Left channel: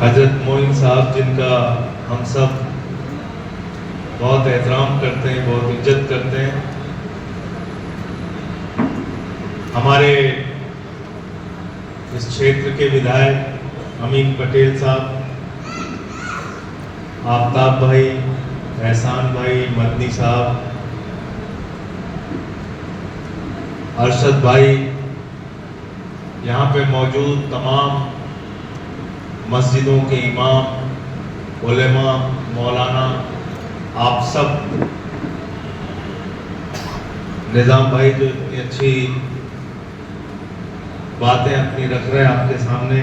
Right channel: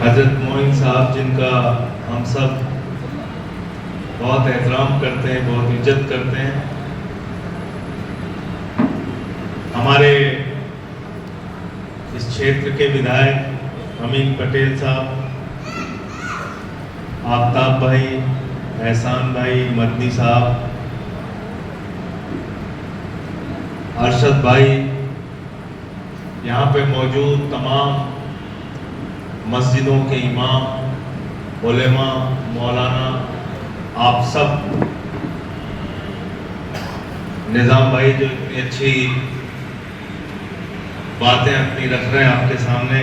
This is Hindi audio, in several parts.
हजरत मोइन साहब जिनका हम सब बहुत एहतराम करते हैं, बहुत इज्जत करते हैं, हमारे इस क्षेत्र के विधायक अमीन पटेल साहब, आफ्ताब भाई, एहसान भाई, मदनी साहब, अरशद भाई, यहाँ पे मौजूद तमाम मस्जिदों के इमाम, उलेमा, मौलाना, आप सब, निज़ाम भाई जो इतनी अच्छी बातें अपनी रख रहे हैं आपके सामने,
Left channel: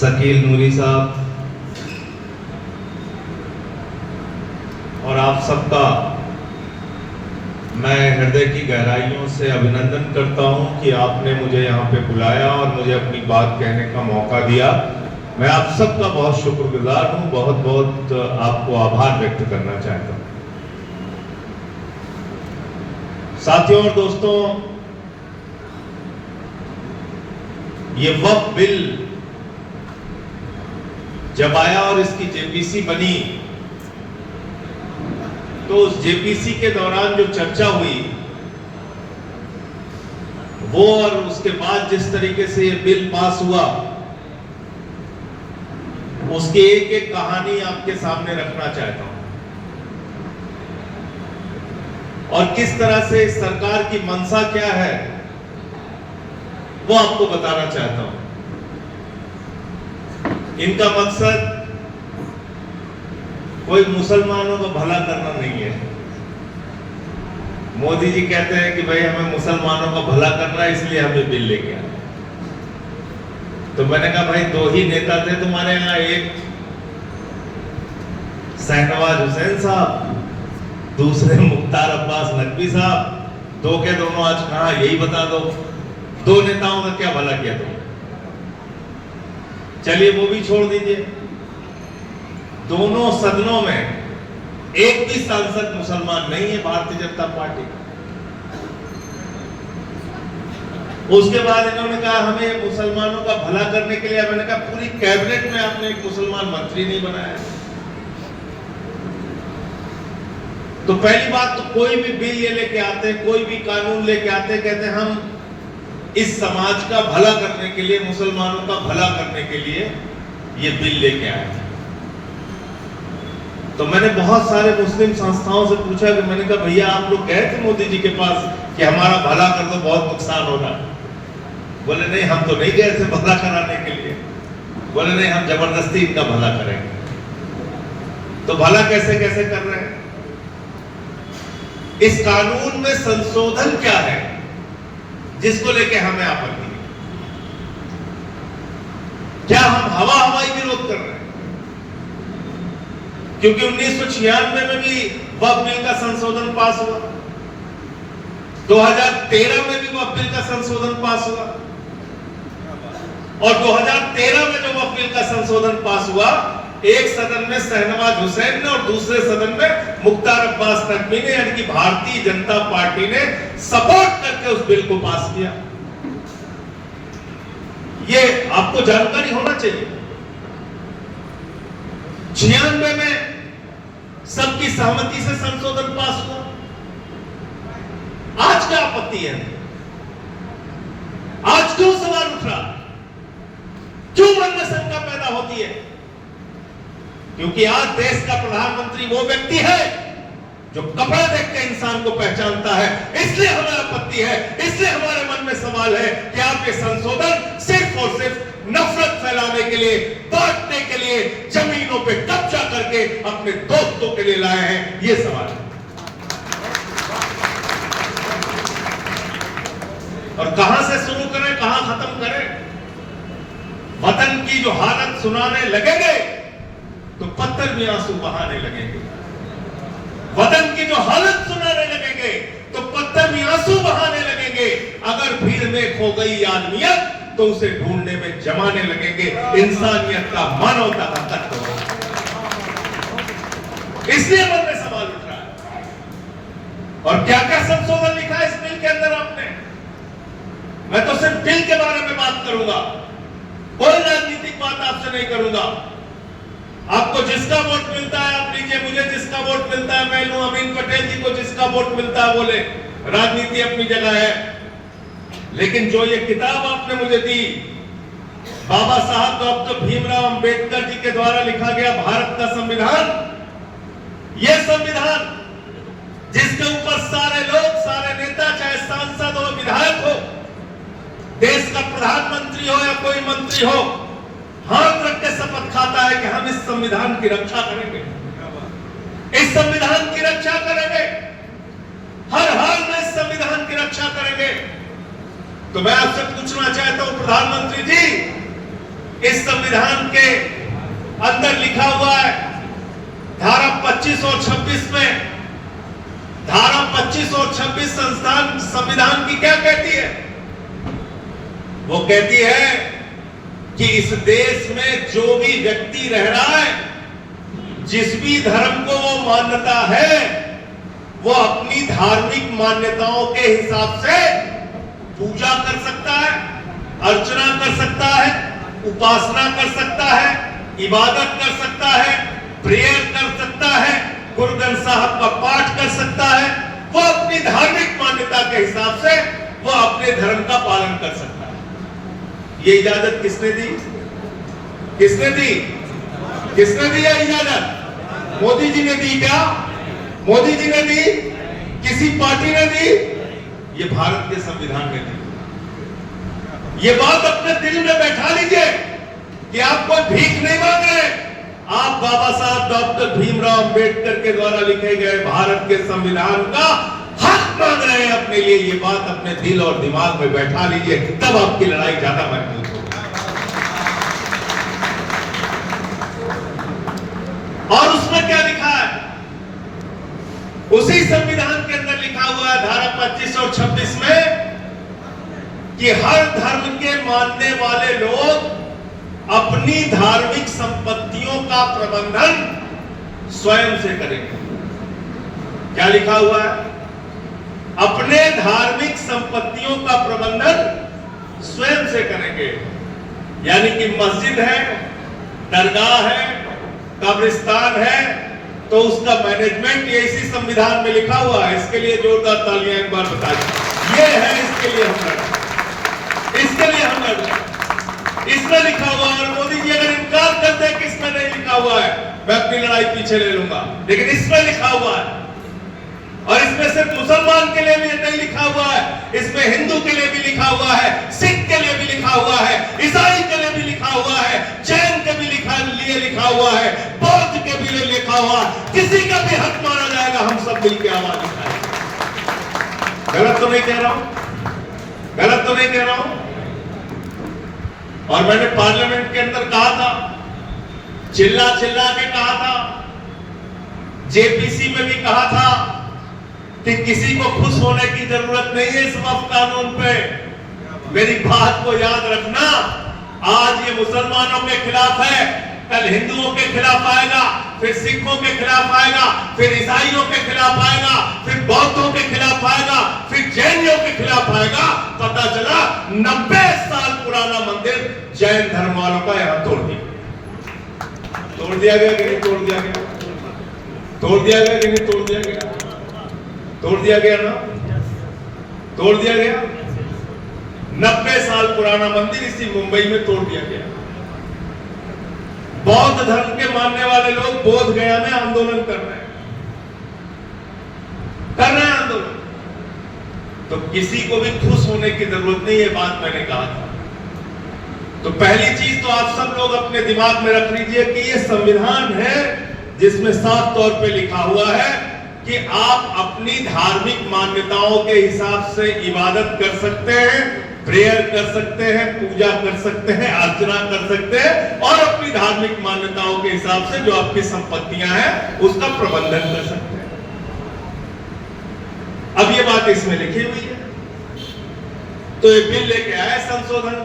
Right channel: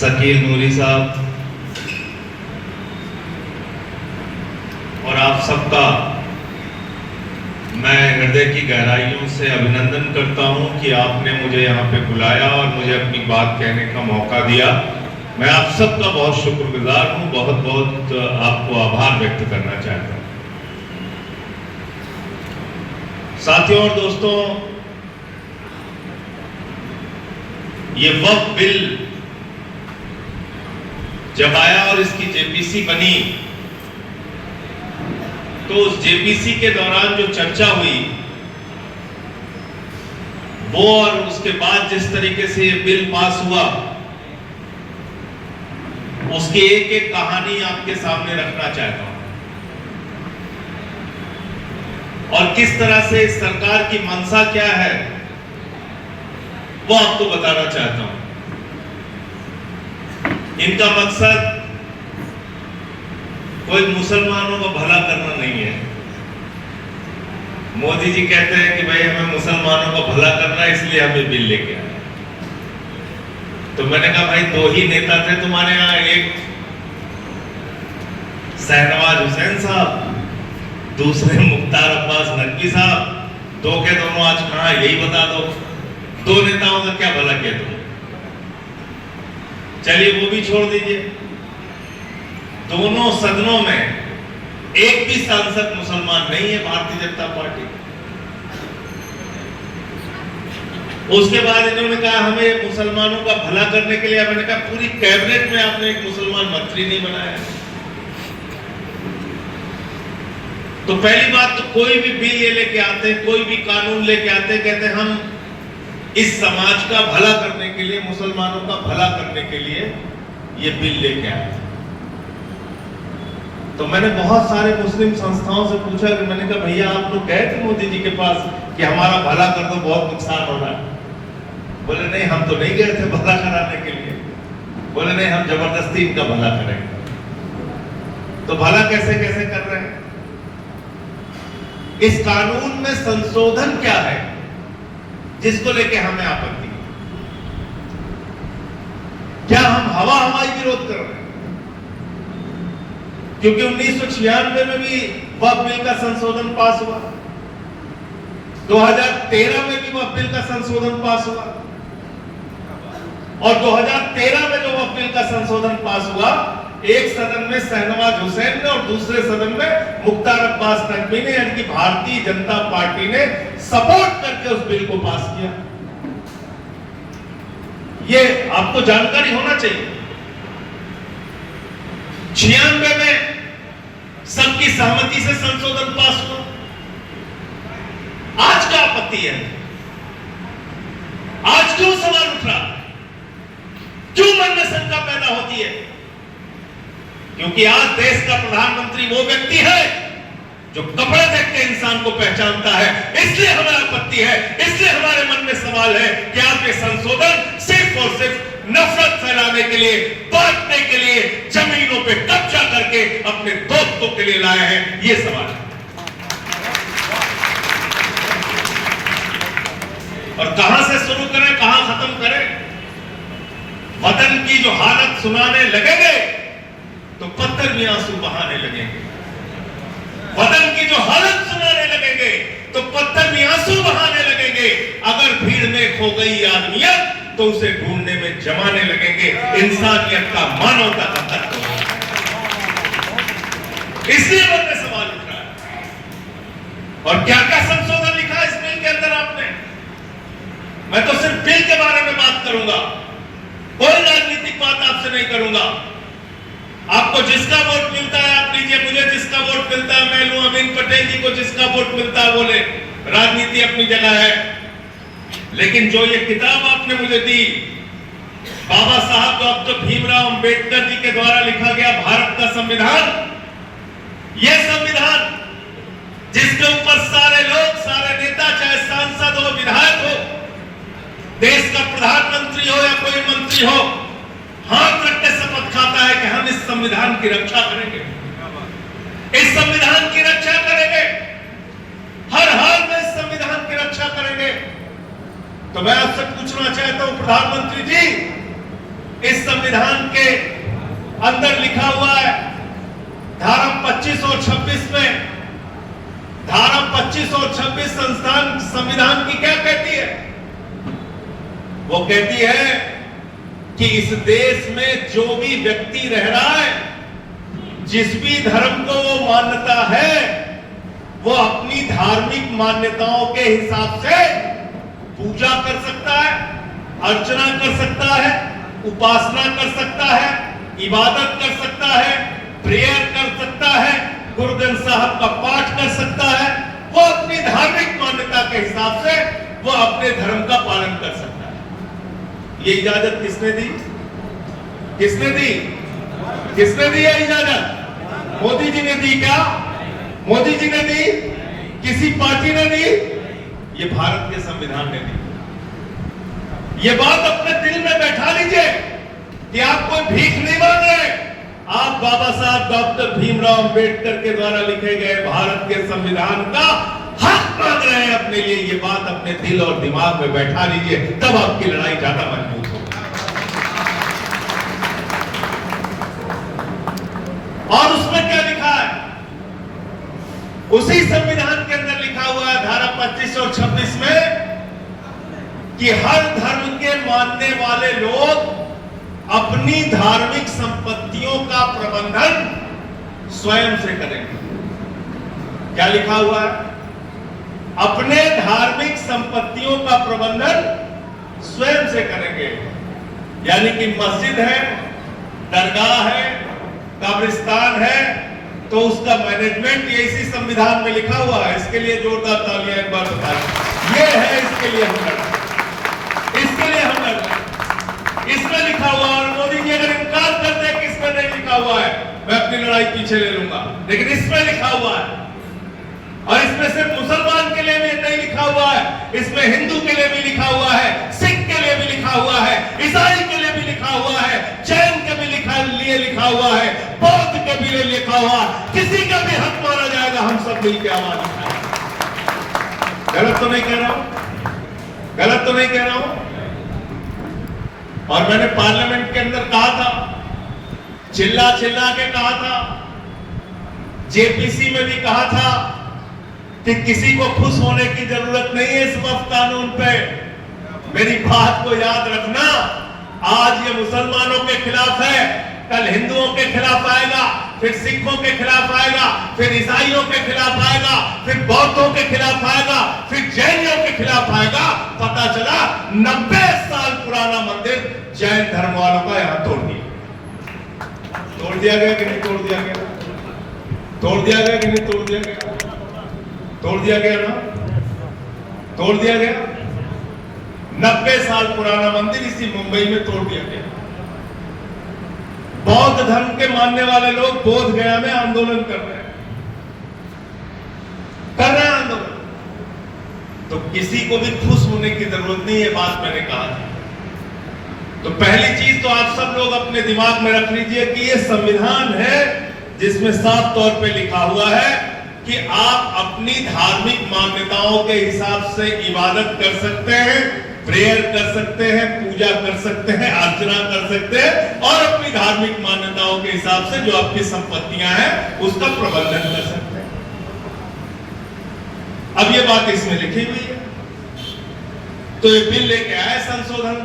शकील नूरी साहब, और आप सबका मैं हृदय की गहराइयों से अभिनंदन करता हूं कि आपने मुझे यहाँ पे बुलाया और मुझे अपनी बात कहने का मौका दिया। मैं आप सबका बहुत शुक्रगुजार हूं, बहुत बहुत आपको आभार व्यक्त करना चाहता हूं। साथियों और दोस्तों, ये वक्फ बिल जब आया और इसकी जेपीसी बनी, तो उस जेपीसी के दौरान जो चर्चा हुई वो, और उसके बाद जिस तरीके से ये बिल पास हुआ, उसकी एक एक कहानी आपके सामने रखना चाहता हूं, और किस तरह से सरकार की मंशा क्या है वो आपको बताना चाहता हूं। इनका मकसद कोई मुसलमानों का भला करना नहीं है। मोदी जी कहते हैं कि भाई हमें मुसलमानों का भला करना है, इसलिए हमें बिल लेके आए। तो मैंने कहा भाई दो ही नेता थे तुम्हारे यहाँ, एक शहनवाज हुसैन साहब, दूसरे मुख्तार अब्बास नकवी साहब, दो के दोनों आज कहां, यही बता दो। दो नेताओं का क्या भला किया तुम? चलिए वो भी छोड़ दीजिए। दोनों सदनों में एक भी सांसद मुसलमान नहीं है भारतीय जनता पार्टी। उसके बाद इन्होंने कहा हमें मुसलमानों का भला करने के लिए, मैंने कहा पूरी कैबिनेट में आपने एक मुसलमान मंत्री नहीं बनाया है। तो पहली बात तो कोई भी बिल ये लेके आते, कोई भी कानून लेके आते, कहते हम इस समाज का भला करने के लिए, मुसलमानों का भला करने के लिए ये बिल लेके आए। तो मैंने बहुत सारे मुस्लिम संस्थाओं से पूछा कि मैंने कहा भैया आप लोग गए थे मोदी जी के पास कि हमारा भला कर दो, बहुत नुकसान हो रहा है? बोले नहीं, हम तो नहीं गए थे भला कराने के लिए। बोले नहीं, हम जबरदस्ती इनका भला करेंगे। तो भला कैसे कैसे कर रहे हैं? इस कानून में संशोधन क्या है जिसको लेके हमें आपत्ति है? क्या हम हवा हवाई विरोध कर रहे हैं? क्योंकि 1996 में भी वक्फ बिल का संशोधन पास हुआ, 2013 में भी वक्फ बिल का संशोधन पास हुआ, और 2013 में जो वक्फ बिल का संशोधन पास हुआ, एक सदन में शहनवाज हुसैन ने और दूसरे सदन में मुख्तार अब्बास नकवी ने, यानी कि भारतीय जनता पार्टी ने सपोर्ट करके उस बिल को पास किया। ये आपको जानकारी होना चाहिए। 96 में सबकी सहमति से संशोधन पास हुआ। आज क्या आपत्ति है? आज क्यों सवाल उठ रहा? क्यों मन में शंका पैदा होती है? क्योंकि आज देश का प्रधानमंत्री वो व्यक्ति है जो कपड़े देख के इंसान को पहचानता है। इसलिए हमें आपत्ति है, इसलिए हमारे मन में सवाल है कि आपके संशोधन सिर्फ और सिर्फ नफरत फैलाने के लिए, बांटने के लिए, जमीनों पे कब्जा करके अपने दोस्तों के लिए लाए हैं, ये सवाल है। और कहां से शुरू करें, कहां खत्म करें? वतन की जो हालत सुनाने लगेंगे तो पत्थर भी आंसू बहाने लगेंगे। वतन की जो हालत सुनाने लगेंगे तो पत्थर भी आंसू बहाने लगेंगे। अगर भीड़ में खो गई आदमियत तो उसे ढूंढने में जमाने लगेंगे। इंसानियत का, मानवता का तत्व। इसलिए मन में सवाल उठ रहा है। और क्या क्या संशोधन लिखा है इस बिल के अंदर आपने? मैं तो सिर्फ बिल के बारे में बात करूंगा, कोई राजनीतिक बात आपसे नहीं करूंगा। आपको जिसका वोट मिलता है आप लीजिए, मुझे जिसका वोट मिलता है मैं लूं, अमीन पटेल जी को जिसका वोट मिलता है बोले, राजनीति अपनी जगह है। लेकिन जो ये किताब आपने मुझे दी, बाबा साहब डॉक्टर भीमराव अंबेडकर जी के द्वारा लिखा गया भारत का संविधान, यह संविधान जिसके ऊपर सारे लोग, सारे नेता, चाहे सांसद हो, विधायक हो, देश का प्रधानमंत्री हो या कोई मंत्री हो, हाथ रख के शपथ खाता है कि हम इस संविधान की रक्षा करेंगे, इस संविधान की रक्षा करेंगे, हर हाल में इस संविधान की रक्षा करेंगे। तो मैं आपसे पूछना चाहता हूं प्रधानमंत्री जी, इस संविधान के अंदर लिखा हुआ है धारा 25 और 26 में, धारा 25 और 26 संविधान की क्या कहती है? वो कहती है कि इस देश में जो भी व्यक्ति रह रहा है, जिस भी धर्म को वो मान्यता है, वो अपनी धार्मिक मान्यताओं के हिसाब से पूजा कर सकता है, अर्चना कर सकता है, उपासना कर सकता है, इबादत कर सकता है, प्रेयर कर सकता है, गुरु ग्रंथ साहब का पाठ कर सकता है। वो अपनी धार्मिक मान्यता के हिसाब से वो अपने धर्म का पालन कर सकता है। ये इजाजत किसने दी? किसने दी? किसने दी है इजाजत? मोदी जी ने दी क्या? मोदी जी ने दी? किसी पार्टी ने दी? ये भारत के संविधान ने दी। ये बात अपने दिल में बैठा लीजिए कि आप कोई भीख नहीं मांग रहे, आप बाबा साहब डॉक्टर भीमराव अंबेडकर के द्वारा लिखे गए भारत के संविधान का हक मांग रहे हैं अपने लिए। ये बात अपने दिल और दिमाग में बैठा लीजिए, तब आपकी लड़ाई ज्यादा मजबूत होगी। और उसमें क्या लिखा है? उसी संविधान के अंदर लिखा हुआ है धारा 25 और 26 में कि हर धर्म के मानने वाले लोग अपनी धार्मिक संपत्तियों का प्रबंधन स्वयं से करेंगे। क्या लिखा हुआ है? अपने धार्मिक संपत्तियों का प्रबंधन स्वयं से करेंगे। यानी कि मस्जिद है, दरगाह है, कब्रिस्तान है, तो उसका मैनेजमेंट ये इसी संविधान में लिखा हुआ है। इसके लिए जोरदार तालियां एक बार बताइए। ये है, इसके लिए हम लड़, इसके लिए हम लड़। इसमें लिखा हुआ है, और मोदी जी अगर इनकार करते हैं कि इसमें नहीं लिखा हुआ है, मैं अपनी लड़ाई पीछे ले लूंगा, लेकिन इसमें लिखा हुआ है। और इसमें सिर्फ मुसलमान के लिए भी नहीं लिखा हुआ है, इसमें हिंदू के लिए भी लिखा हुआ है, सिख के लिए भी लिखा हुआ है, ईसाई के लिए भी लिखा हुआ है, जैन के भी लिए लिखा हुआ है, बौद्ध के भी लिए लिखा हुआ। किसी का भी हक माना जाएगा, हम सब मिलकर आवाज उठाएंगे। गलत तो नहीं कह रहा हूं? गलत तो नहीं कह रहा हूं? और मैंने पार्लियामेंट के अंदर कहा था, चिल्ला चिल्ला के कहा था, जेपीसी में भी कहा था कि किसी को खुश होने की जरूरत नहीं है इस वक्त कानून पे। मेरी बात को याद रखना, आज ये मुसलमानों के खिलाफ है, कल हिंदुओं के खिलाफ आएगा, फिर सिखों के खिलाफ आएगा, फिर ईसाइयों के खिलाफ आएगा, फिर बौद्धों के खिलाफ आएगा, फिर जैनियों के खिलाफ आएगा। पता चला 90 साल पुराना मंदिर जैन धर्म वालों का यहां तोड़ दिया गया कि नहीं तोड़ दिया गया? तोड़ दिया गया कि नहीं तोड़ दिया गया? तोड़ दिया गया ना? तोड़ दिया गया। 90 साल पुराना मंदिर इसी मुंबई में तोड़ दिया गया। बौद्ध धर्म के मानने वाले लोग बोध गया में आंदोलन कर रहे हैं आंदोलन। तो किसी को भी खुश होने की जरूरत नहीं, ये बात मैंने कहा था। तो पहली चीज तो आप सब लोग अपने दिमाग में रख लीजिए कि ये संविधान है जिसमें साफ तौर पे लिखा हुआ है कि आप अपनी धार्मिक मान्यताओं के हिसाब से इबादत कर सकते हैं, प्रेयर कर सकते हैं, पूजा कर सकते हैं, अर्चना कर सकते हैं, और अपनी धार्मिक मान्यताओं के हिसाब से जो आपकी संपत्तियां हैं उसका प्रबंधन कर सकते हैं। अब ये बात इसमें लिखी हुई है। तो ये बिल लेके आए संशोधन,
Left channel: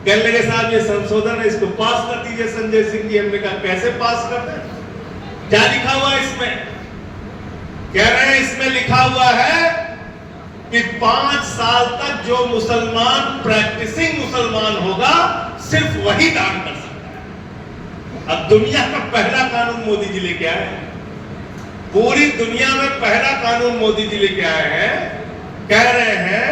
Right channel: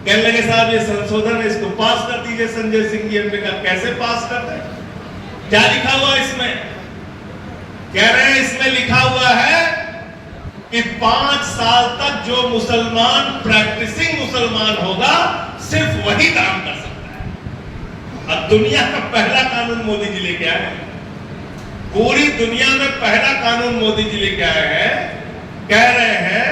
कहने लगे साहब ये संशोधन है, इसको पास कर दीजिए संजय सिंह जी। हमने कहा कैसे पास करते हैं? क्या लिखा हुआ है इसमें? कह रहे हैं इसमें लिखा हुआ है कि 5 साल तक जो मुसलमान प्रैक्टिसिंग मुसलमान होगा सिर्फ वही दान कर सकता है। अब दुनिया का पहला कानून मोदी जी लेके आए हैं, पूरी दुनिया में पहला कानून मोदी जी लेके आए हैं, कह रहे हैं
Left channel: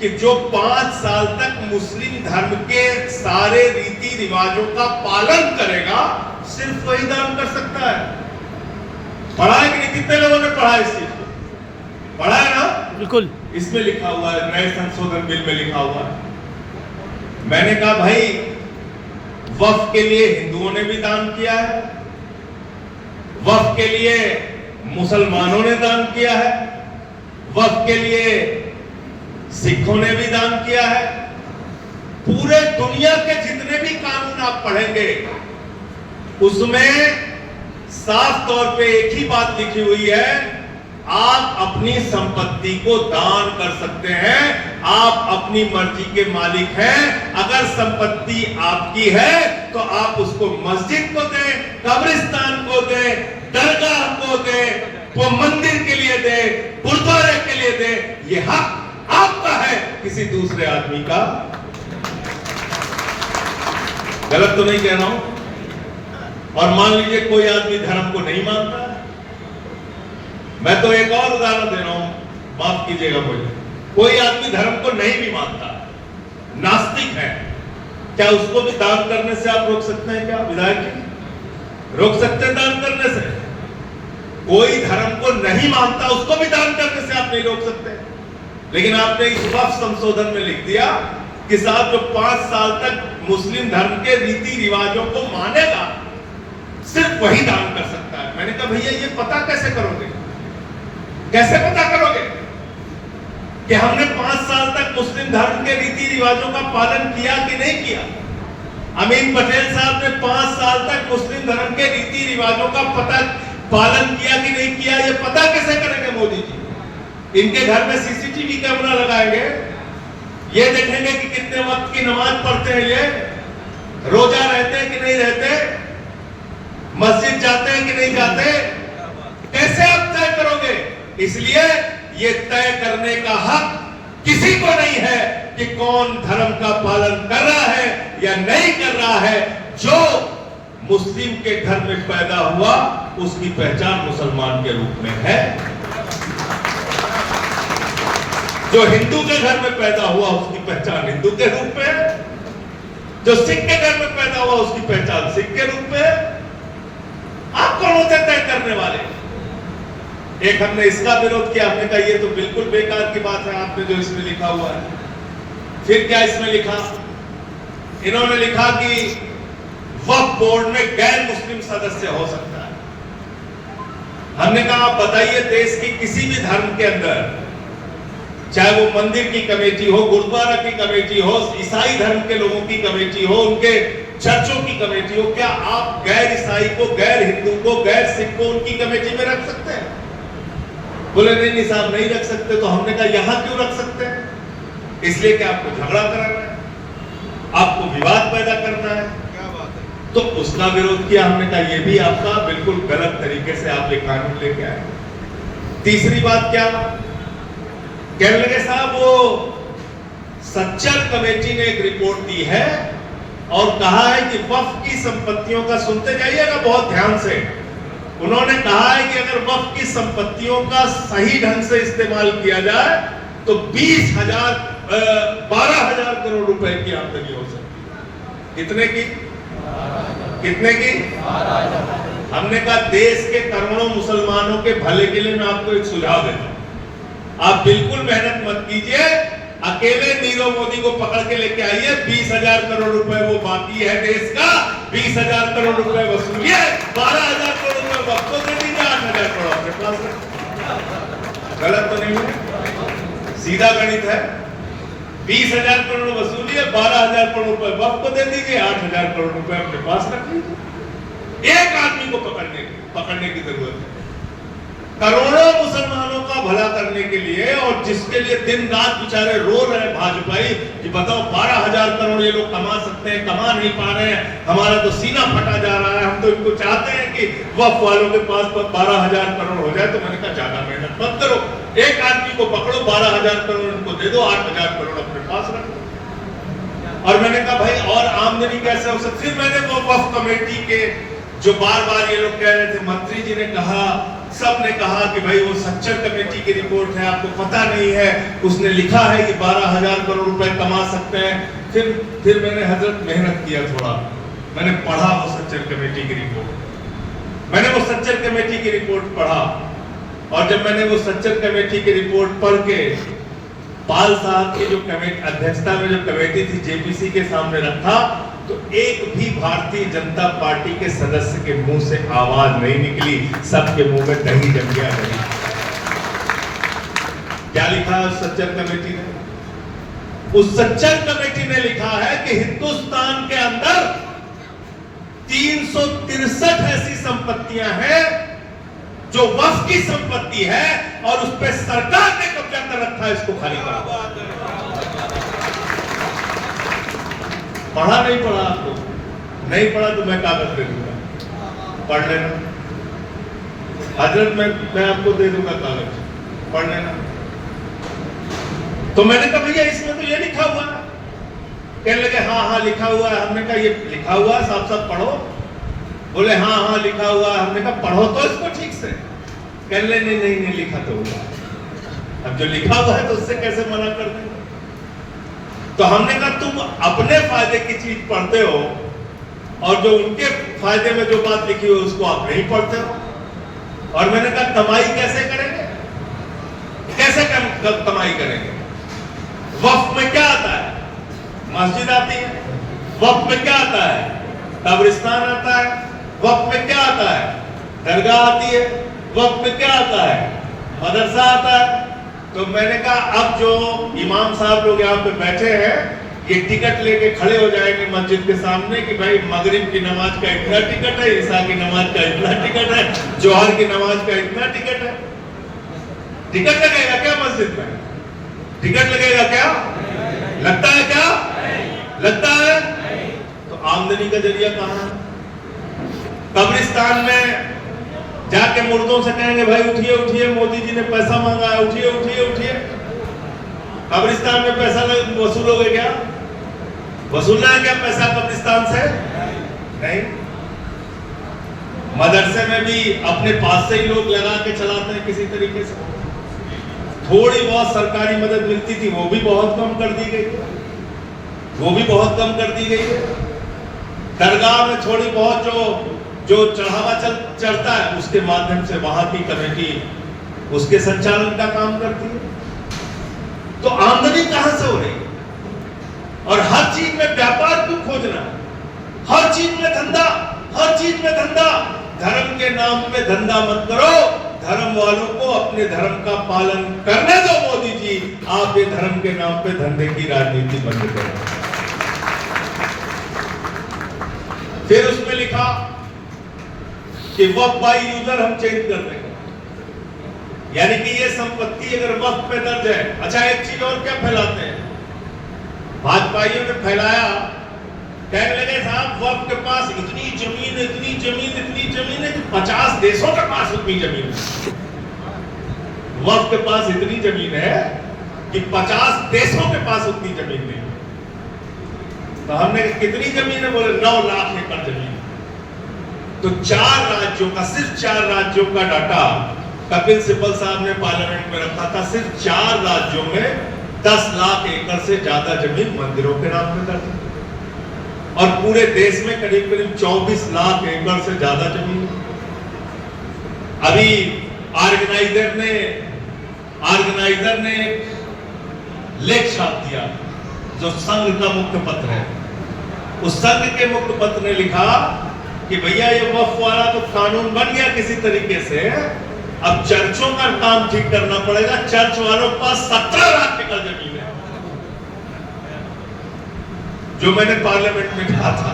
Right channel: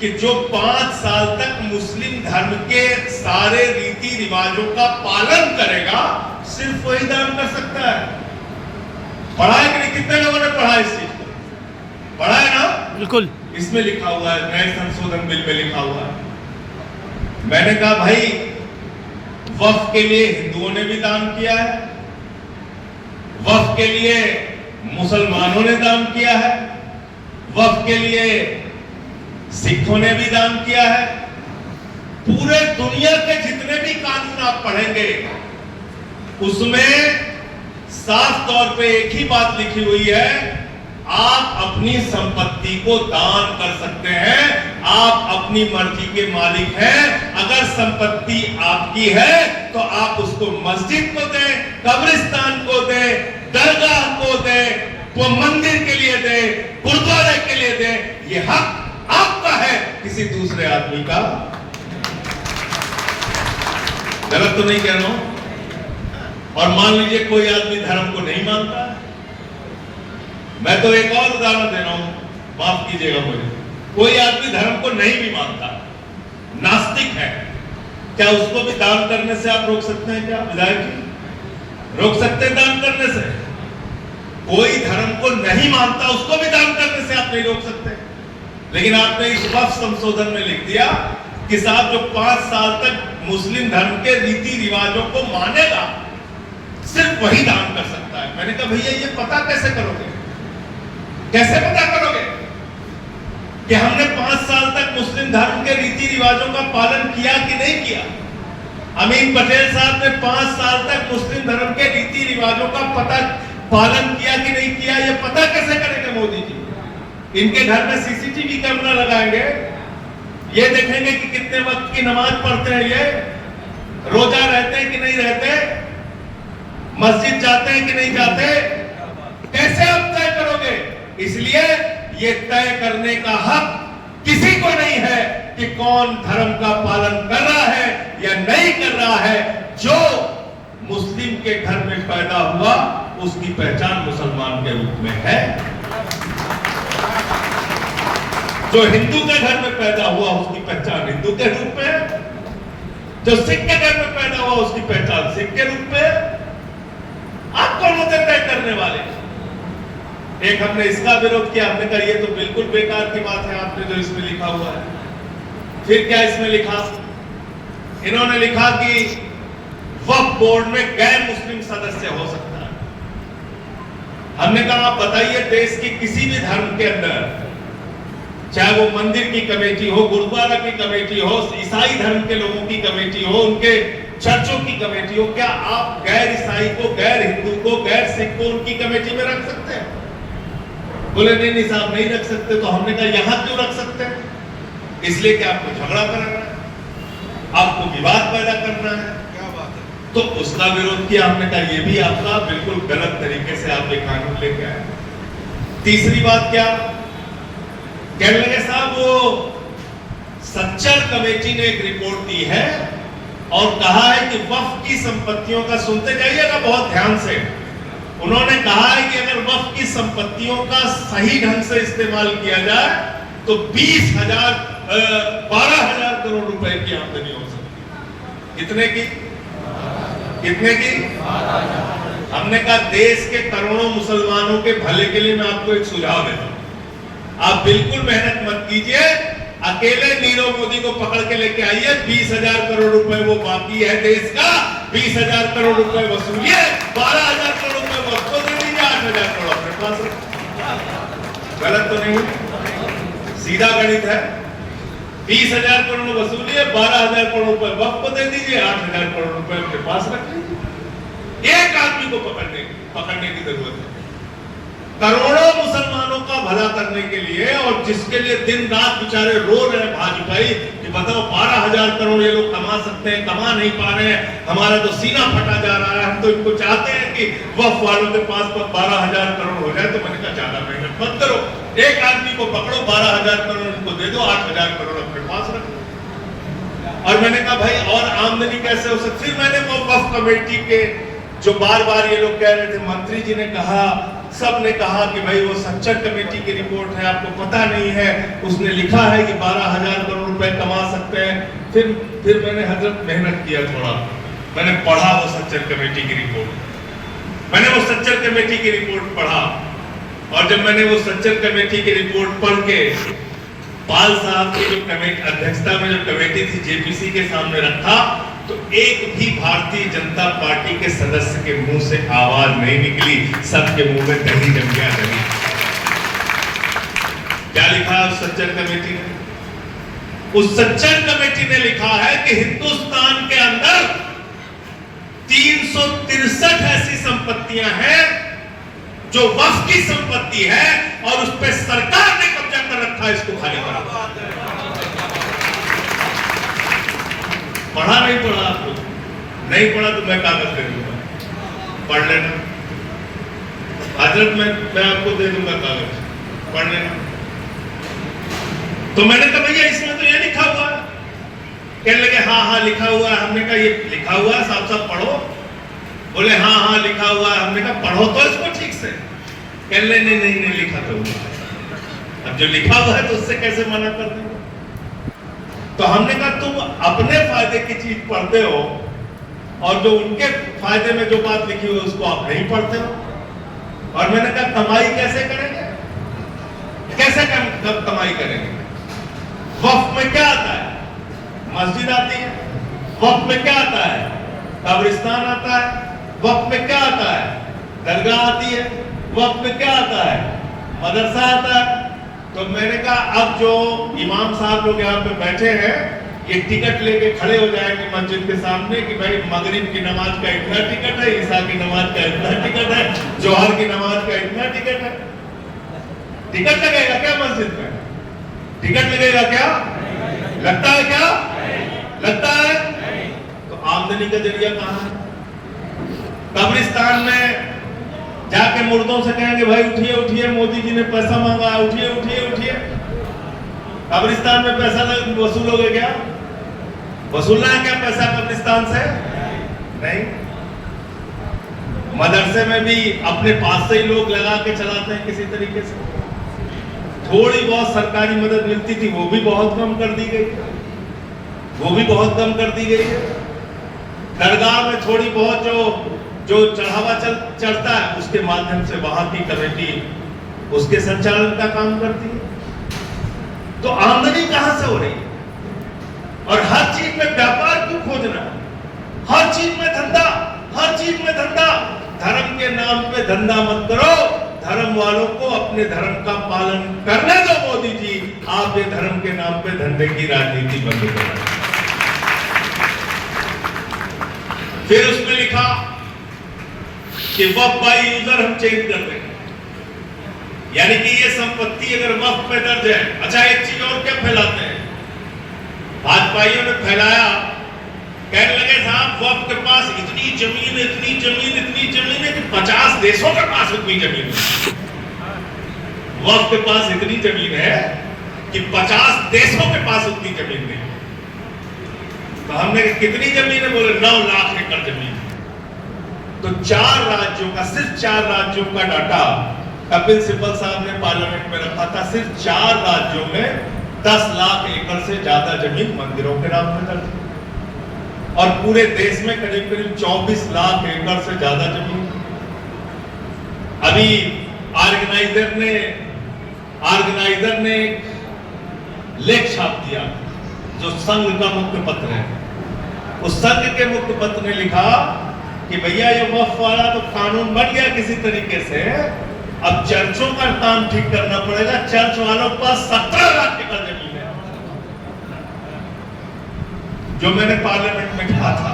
कि जो 5 साल तक मुस्लिम धर्म के सारे रीति रिवाजों का पालन करेगा सिर्फ वही दान कर सकता है। पढ़ा है कि नहीं? कितने लोगों ने पढ़ा इस चीज को? पढ़ा है ना? बिल्कुल। इसमें लिखा हुआ है, नए संशोधन बिल में लिखा हुआ है। मैंने कहा भाई वक्फ के लिए हिंदुओं ने भी दान किया है, वक्फ के लिए मुसलमानों ने दान किया है, वक्फ के लिए सिखों ने भी दान किया है। पूरे दुनिया के जितने भी कानून आप पढ़ेंगे उसमें साफ तौर पे एक ही बात लिखी हुई है, आप अपनी संपत्ति को दान कर सकते हैं, आप अपनी मर्जी के मालिक हैं। अगर संपत्ति आपकी है तो आप उसको मस्जिद को दें, कब्रिस्तान को दें, दरगाह को दें, वो मंदिर के लिए दें, गुरुद्वारे के लिए दें। ये हक आपका है, किसी दूसरे आदमी का। गलत तो नहीं कह रहा हूं? और मान लीजिए कोई आदमी धर्म को नहीं मानता, मैं तो एक और उदाहरण दे रहा हूं, माफ कीजिएगा मुझे। कोई आदमी धर्म को नहीं भी मानता, नास्तिक है, क्या उसको भी दान करने से आप रोक सकते हैं? क्या विधायक जी रोक सकते हैं दान करने से? कोई धर्म को नहीं मानता उसको भी दान करने से आप नहीं रोक सकते। लेकिन आपने इस वक्फ संशोधन में लिख दिया कि साहब जो 5 साल तक मुस्लिम धर्म के रीति रिवाजों को मानेगा सिर्फ वही दान कर सकता है। मैंने कहा भैया ये पता कैसे करोगे? कैसे पता करोगे कि हमने 5 साल तक मुस्लिम धर्म के रीति रिवाजों का पालन किया कि नहीं किया? अमीन पटेल साहब ने 5 साल तक मुस्लिम धर्म के रीति रिवाजों का पालन किया कि नहीं किया, ये पता कैसे करेंगे मोदी जी? इनके घर में सीसीटीवी कैमरा लगाएंगे, ये देखेंगे कि कितने वक्त की नमाज पढ़ते हैं, ये रोजा रहते हैं कि नहीं रहते, मस्जिद जाते हैं कि नहीं जाते, कैसे आप तय करोगे? इसलिए ये तय करने का हक किसी को नहीं है कि कौन धर्म का पालन कर रहा है या नहीं कर रहा है। जो मुस्लिम के घर में पैदा हुआ उसकी पहचान मुसलमान के रूप में है, जो हिंदू के घर में पैदा हुआ उसकी पहचान हिंदू के रूप में, जो सिख के घर में पैदा हुआ उसकी पहचान सिख के रूप में। आप कौन होते तय करने वाले? एक हमने इसका विरोध किया, हमने कहा ये तो बिल्कुल बेकार की बात है आपने जो इसमें लिखा हुआ है। फिर क्या इसमें लिखा? इन्होंने लिखा कि वक्फ बोर्ड में गैर मुस्लिम सदस्य हो सकता है। हमने कहा आप बताइए देश की किसी भी धर्म के अंदर, चाहे वो मंदिर की कमेटी हो, गुरुद्वारा की कमेटी हो, ईसाई धर्म के लोगों की कमेटी हो, उनके चर्चों की कमेटी हो, क्या आप गैर ईसाई को, गैर हिंदू को, गैर सिख को उनकी कमेटी में रख सकते हैं? बोले नहीं साहब नहीं रख सकते। तो हमने कहा यहां क्यों रख सकते हैं? इसलिए कि आपको झगड़ा करना है, आपको विवाद पैदा करना है। क्या बात है? तो उसका विरोध किया। हमने कहा ये भी आपका बिल्कुल गलत तरीके से आप ये कानून लेके आए। तीसरी बात क्या कहने लगे साहब, वो सच्चर कमेटी ने एक रिपोर्ट दी है और कहा है कि वक्फ की संपत्तियों का, सुनते जाइएगा बहुत ध्यान से, उन्होंने कहा है कि अगर वक्फ की संपत्तियों का सही ढंग से इस्तेमाल किया जाए तो 12,000 करोड़ रुपए की आमदनी हो सकती। कितने की? कितने की? हमने कहा देश के करोड़ों मुसलमानों के भले के लिए मैं आपको एक सुझाव देता हूं, आप बिल्कुल मेहनत मत कीजिए, अकेले नीरव मोदी को पकड़ के लेके आइए, 20,000 करोड़ रुपए वो बाकी है देश का, 20,000 करोड़ रुपए वसूलिए, 12,000 करोड़ रुपए वक्त को दे दीजिए, 8,000 करोड़ अपने पास रखिए। गलत तो नहीं है? सीधा गणित है। 20,000 करोड़ वसूलिए, 12,000 करोड़ रुपए वक्त को दे दीजिए, 8,000 करोड़ रुपए अपने पास रख लीजिए। एक आदमी को पकड़ने की जरूरत है करोड़ों मुसलमानों का भला करने के लिए, और जिसके लिए दिन रात बेचारे रो रहे हैं भाजपाई कि बताओ 12,000 करोड़ ये लोग कमा सकते हैं, कमा नहीं पा रहे हैं, हमारा तो सीना फटा जा रहा है, हम तो इनको चाहते हैं कि वक्फ वालों के पास 12,000 करोड़ हो जाए। तो मैंने कहा ज्यादा मेहनत मत करो, एक आदमी को पकड़ो, 12,000 करोड़ उनको दे दो, 8,000 करोड़ अपने पास रखो। और मैंने कहा भाई और आमदनी कैसे हो सकती। फिर मैंने वो वक्फ कमेटी के जो बार बार ये लोग कह रहे थे, मंत्री जी ने कहा, सब ने कहा कि भाई वो सच्चर कमेटी की रिपोर्ट है, आपको पता नहीं है, उसने लिखा है कि 12,000 करोड़ रुपए कमा सकते हैं। फिर मैंने हजरत मेहनत किया थोड़ा, मैंने पढ़ा वो सच्चर कमेटी की रिपोर्ट। मैंने वो सच्चर कमेटी की रिपोर्ट पढ़ा, और जब मैंने वो सच्चर कमेटी की रिपोर्ट पढ़ के पाल साहब की जो कमेटी अध्यक्षता में जो कमेटी थी जेपीसी के सामने रखा, तो एक भी भारतीय जनता पार्टी के सदस्य के मुंह से आवाज नहीं निकली, सबके मुंह में दही जम गया। दही क्या लिखा है उस सच्चर कमेटी ने? उस सच्चर कमेटी ने लिखा है कि हिंदुस्तान के अंदर 363 ऐसी संपत्तियां हैं जो वक्फ की संपत्ति है, और उस पर सरकार ने कब्जा कर रखा है, इसको खाली करो। पढ़ा नहीं पढ़ा आप लोग? नहीं पढ़ा तो मैं कागज दे दूंगा, पढ़ लेना। हजरत मैं आपको दे दूंगा कागज, पढ़ लेना। तो मैंने कहा भैया इसमें तो ये लिखा हुआ है। कहने लगे हाँ लिखा हुआ है। हमने कहा ये लिखा हुआ है, साफ साफ पढ़ो। बोले हाँ लिखा हुआ है। हमने कहा पढ़ो तो इसको ठीक से। कहने नहीं लिखा तो हुआ। अब जो लिखा हुआ है तो उससे कैसे मना कर दूं? तो हमने कहा तुम अपने फायदे की चीज पढ़ते हो, और जो उनके फायदे में जो बात लिखी हुई उसको आप नहीं पढ़ते हो। और मैंने कहा कमाई कैसे करेंगे? कैसे कमाई करेंगे? वक्फ में क्या आता है? मस्जिद आती है। वक्फ में क्या आता है? कब्रिस्तान आता है। वक्फ में क्या आता है? दरगाह आती है। वक्फ में क्या आता है? मदरसा आता है। तो मैंने कहा अब जो इमाम साहब लोग यहाँ पे बैठे हैं, ये टिकट लेके खड़े हो जाएंगे मस्जिद के सामने कि भाई मगरिब की नमाज का इतना टिकट है, ईशा की नमाज का इतना टिकट है, जोहर की नमाज का इतना टिकट है। टिकट लगेगा क्या मस्जिद में? टिकट लगेगा क्या? लगता है क्या? लगता है? तो आमदनी का जरिया कहां? कब्रिस्तान में जाके मुर्दों से कहेंगे भाई उठिए उठिए, मोदी जी ने पैसा मंगाया, उठिए उठिए उठिए। कब्रिस्तान में पैसा वसूलोगे क्या? वसूलना है क्या पैसा कब्रिस्तान से? नहीं। मदरसे में भी अपने पास से ही लोग लगा के चलाते हैं किसी तरीके से। थोड़ी बहुत सरकारी मदद मिलती थी, वो भी बहुत कम कर दी गई, वो भी बहुत कम कर दी गई है। दरगाह में थोड़ी बहुत जो चढ़ावा चढ़ता है, उसके माध्यम से वहां की कमेटी उसके संचालन का काम करती है। तो आमदनी कहां से हो रही है? और हर चीज में व्यापार क्यों खोजना? हर चीज में धंधा, हर चीज में धंधा। धर्म के नाम पे धंधा मत करो, धर्म वालों को अपने धर्म का पालन करने दो। मोदी जी, आप ये धर्म के नाम पे धंधे की राजनीति बंद करो। फिर उसमें लिखा कि वक्फ बाय यूजर हम चेंज कर देंगे, यानी कि ये संपत्ति अगर वक्फ पे दर्ज है। अच्छा एक चीज और क्या फैलाते हैं भाजपाइयों ने फैलाया, कहने लगे साहब वक्फ के पास इतनी जमीन इतनी जमीन इतनी जमीन है कि 50 देशों के पास उतनी जमीन है। वक्फ के पास इतनी जमीन है कि 50 देशों के पास उतनी जमीन नहीं। तो हमने कितनी जमीन है? बोले 9 लाख एकड़ जमीन। तो 4 राज्यों का, सिर्फ 4 राज्यों का डाटा कपिल सिब्बल साहब ने पार्लियामेंट में रखा था। सिर्फ 4 राज्यों में 10 लाख एकड़ से ज्यादा जमीन मंदिरों के नाम में दर्ज, और पूरे देश में करीब करीब 24 लाख एकड़ से ज्यादा जमीन। अभी ऑर्गेनाइजर ने लेख छाप दिया, जो संघ का मुख्य पत्र है। उस संघ के मुख्य पत्र ने लिखा कि भैया ये वक्फ वाला तो कानून बन गया किसी तरीके से, अब चर्चों का काम ठीक करना पड़ेगा। चर्च वालों के पास 17 लाख एकड़ जमीन है, जो मैंने पार्लियामेंट में कहा था।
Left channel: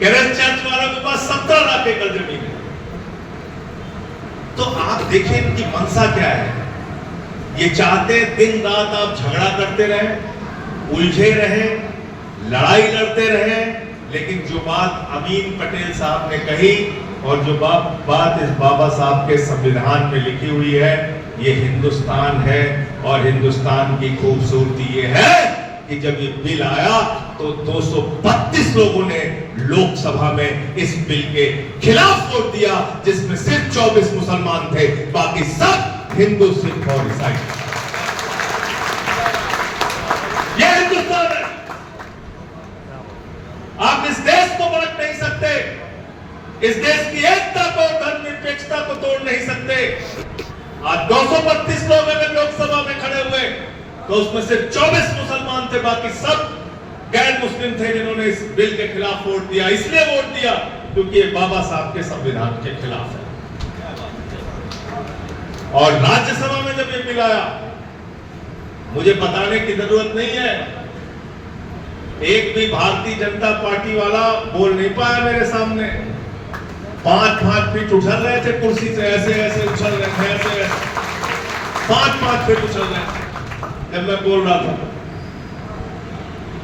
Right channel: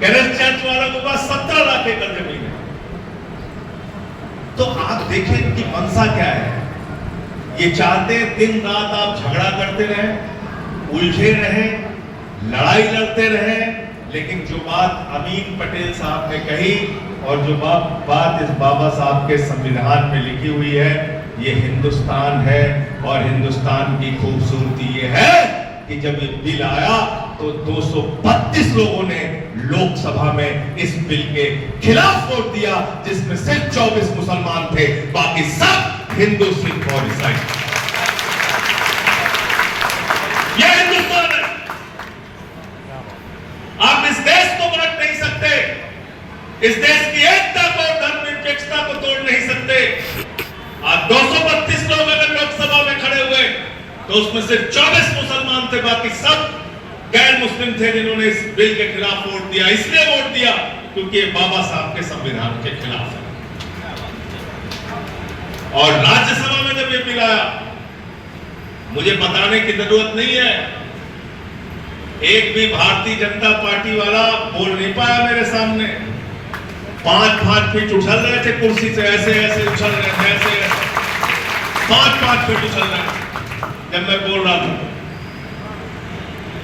कह रहे चर्च वालों के पास 17 लाख एकड़ जमीन है। तो आप देखें इनकी मंशा क्या है। ये चाहते हैं दिन रात आप झगड़ा करते रहे, उलझे रहे, लड़ाई लड़ते रहे, लेकिन जो बात अमीन पटेल साहब ने कही और जो बात इस बाबा साहब के संविधान में लिखी हुई है, ये हिंदुस्तान है। और हिंदुस्तान की खूबसूरती ये है कि जब ये बिल आया तो 232 लोगों ने लोकसभा में इस बिल के खिलाफ वोट दिया, जिसमें सिर्फ 24 मुसलमान थे, बाकी सब हिंदू, सिख और ईसाई। यह हिंदुस्तान है। आप इस देश को बांट नहीं सकते, इस देश की एकता को, धर्मनिरपेक्षता को तोड़ नहीं सकते। आज 232 लोग अगर लोकसभा में खड़े हुए तो उसमें सिर्फ 24 मुसलमान थे, बाकी सब गैर मुस्लिम थे जिन्होंने इस बिल के खिलाफ वोट दिया। इसलिए वोट दिया क्योंकि ये बाबा साहब के संविधान के खिलाफ है। और राज्यसभा में जब ये बिल आया, मुझे बताने की जरूरत नहीं है, एक भी भारतीय जनता पार्टी वाला बोल नहीं पाया मेरे सामने। 5-5 फीट उछल रहे थे कुर्सी से, ऐसे ऐसे उछल रहे थे, ऐसे ऐसे 5-5 फीट उछल रहे थे जब मैं बोल रहा था।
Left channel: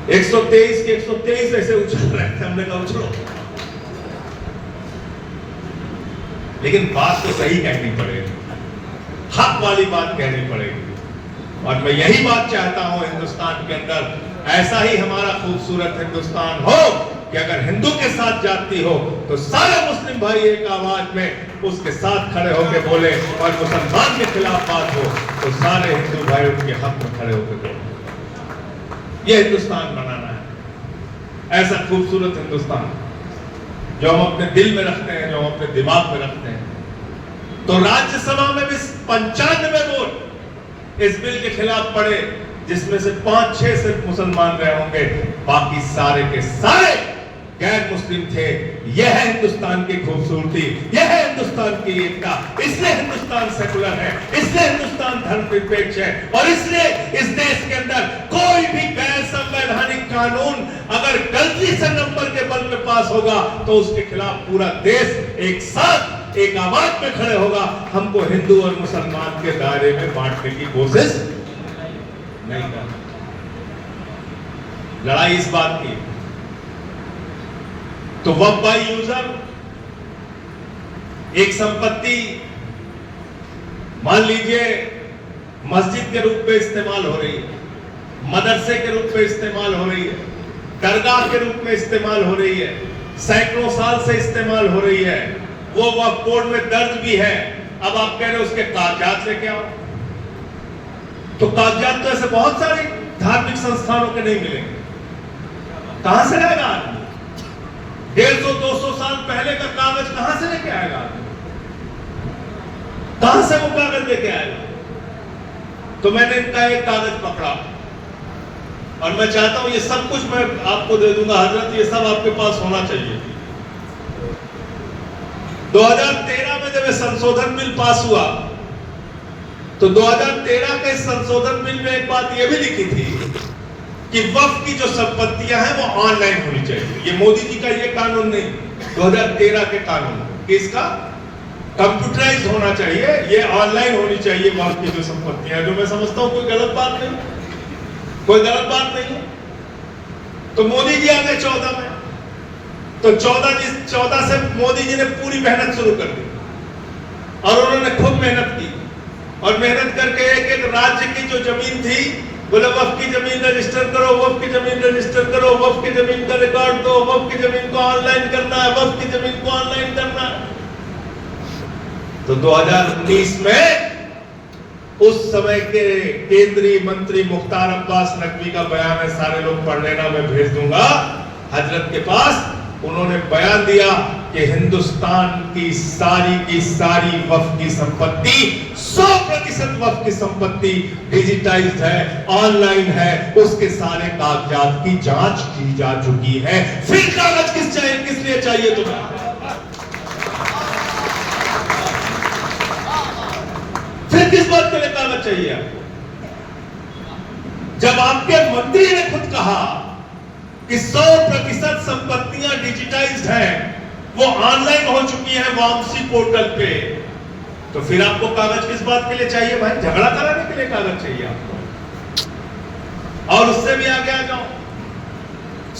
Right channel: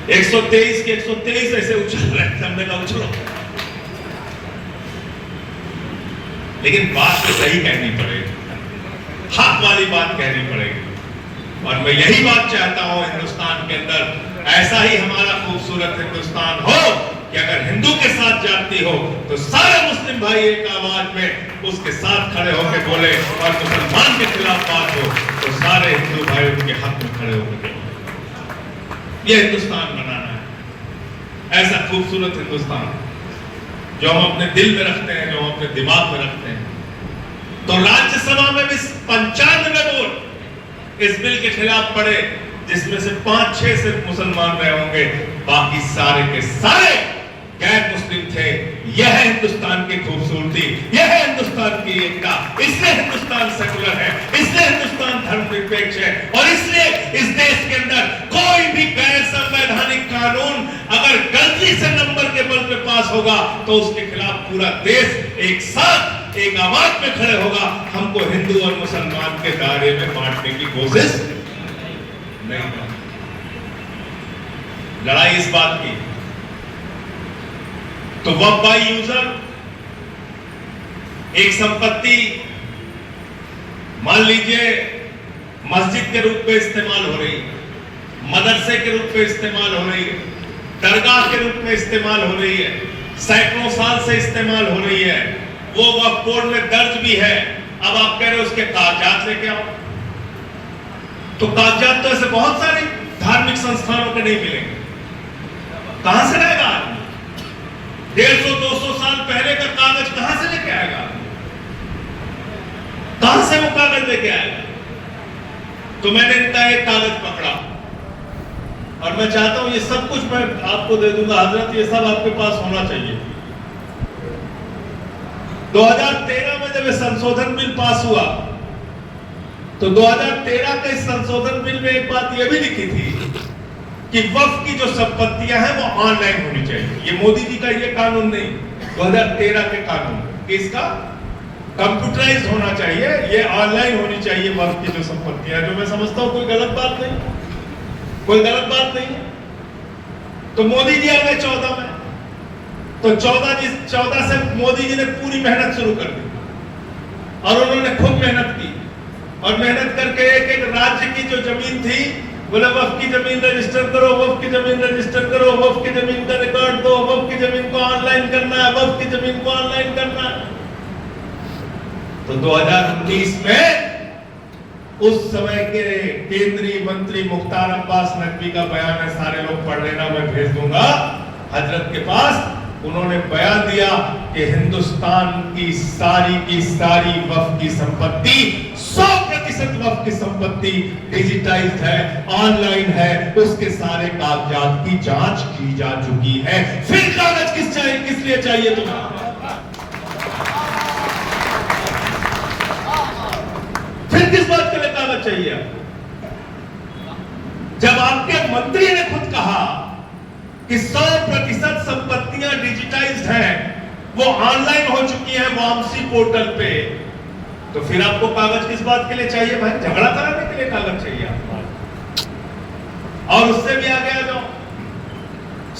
123 के 123 ऐसे उछल रहे थे, हमने कहा उछलो। लेकिन बात तो सही कहनी पड़ेगी, हक वाली बात कहनी पड़ेगी। और मैं यही बात चाहता हूं हिंदुस्तान के अंदर ऐसा ही हमारा खूबसूरत हिंदुस्तान हो कि अगर हिंदू के साथ जाती हो तो सारे मुस्लिम भाई एक आवाज में उसके साथ खड़े होकर बोले, और मुसलमान के खिलाफ बात हो तो सारे हिंदू भाई उनके हक में खड़े होकर बोले। यह हिंदुस्तान बनाना है, ऐसा खूबसूरत हिंदुस्तान जो हम अपने दिल में रखते हैं, जो हम अपने दिमाग में रखते हैं। तो राज्यसभा में भी 95 वोट इस बिल के खिलाफ पड़े, जिसमें से 5-6 सिर्फ मुसलमान रहे होंगे, बाकी सारे के सारे गैर मुस्लिम थे। यह है हिंदुस्तान की खूबसूरती, यह है हिंदुस्तान की एकता। इसलिए हिंदुस्तान सेकुलर है, इसलिए हिंदुस्तान धर्मनिरपेक्ष है, और इसलिए इस देश के अंदर कोई भी गैर संवैधानिक कानून अगर गलती से नंबर के बल पे पास होगा तो उसके खिलाफ पूरा देश एक साथ एक आवाज में खड़े होगा। हमको हिंदू और मुसलमान के दायरे में बांटने की कोशिश नहीं करनी। लड़ाई इस बात की तो वक्फ बाय यूजर एक संपत्ति मान लीजिए मस्जिद के रूप में इस्तेमाल हो रही है, मदरसे के रूप में इस्तेमाल हो रही है, दरगाह के रूप में इस्तेमाल हो रही है, सैकड़ों साल से इस्तेमाल हो रही है, वो वक्फ बोर्ड में दर्ज भी है। अब आप कह रहे हो उसके कागजात लेके आओ, तो कागजात तो ऐसे बहुत सारे धार्मिक संस्थानों के नहीं मिलेंगे। कहां से लाएगा आदमी? 150-200 साल पहले का कागज कहां से लेके आएगा? कहां से वो कागज लेके आएगा? तो मैंने इनका एक कागज पकड़ा और मैं चाहता हूं ये सब कुछ मैं आपको दे दूंगा हजरत, ये सब आपके पास होना चाहिए। 2013 में जब संशोधन बिल पास हुआ तो 2013 के संशोधन बिल में एक बात यह भी लिखी थी कि वक्फ की जो संपत्तियां हैं वो ऑनलाइन होनी चाहिए। ये मोदी जी का ये कानून नहीं, 2013 के कानून, किसका? कंप्यूटराइज होना चाहिए, ये ऑनलाइन होनी चाहिए वक्फ की जो संपत्तियां, जो मैं समझता हूं कोई गलत बात नहीं, कोई गलत बात नहीं। तो मोदी जी आ गए 14 में, तो 14 से मोदी जी ने पूरी मेहनत शुरू कर दी और उन्होंने खूब मेहनत की, और मेहनत करके एक राज्य की जो जमीन थी बोले वक्फ की जमीन रजिस्टर करो, वक्फ की जमीन रजिस्टर करो, वक्फ की जमीन का रिकॉर्ड दो, वक्फ की जमीन को ऑनलाइन करना है, वक्फ की जमीन को ऑनलाइन करना है। तो 2019 में उस समय के केंद्रीय मंत्री मुख्तार अब्बास नकवी का बयान है, सारे लोग पढ़ लेना, मैं भेज दूंगा हजरत के पास। उन्होंने बयान दिया कि हिंदुस्तान की सारी वक्फ की संपत्ति 100% वक्फ की संपत्ति डिजिटाइज्ड है, ऑनलाइन है, उसके सारे कागजात की जांच की जा चुकी है। फिर कागज किस लिए चाहिए तुम्हें? फिर किस बात के लिए कागज चाहिए आपको? जब आपके मंत्री ने खुद कहा कि 100% संपत्तियां डिजिटाइज्ड हैं, वो ऑनलाइन हो चुकी है वामसी पोर्टल पे, तो फिर आपको कागज किस बात के लिए चाहिए भाई? झगड़ा कराने के लिए कागज चाहिए आपको। और उससे भी आगे आ जाओ,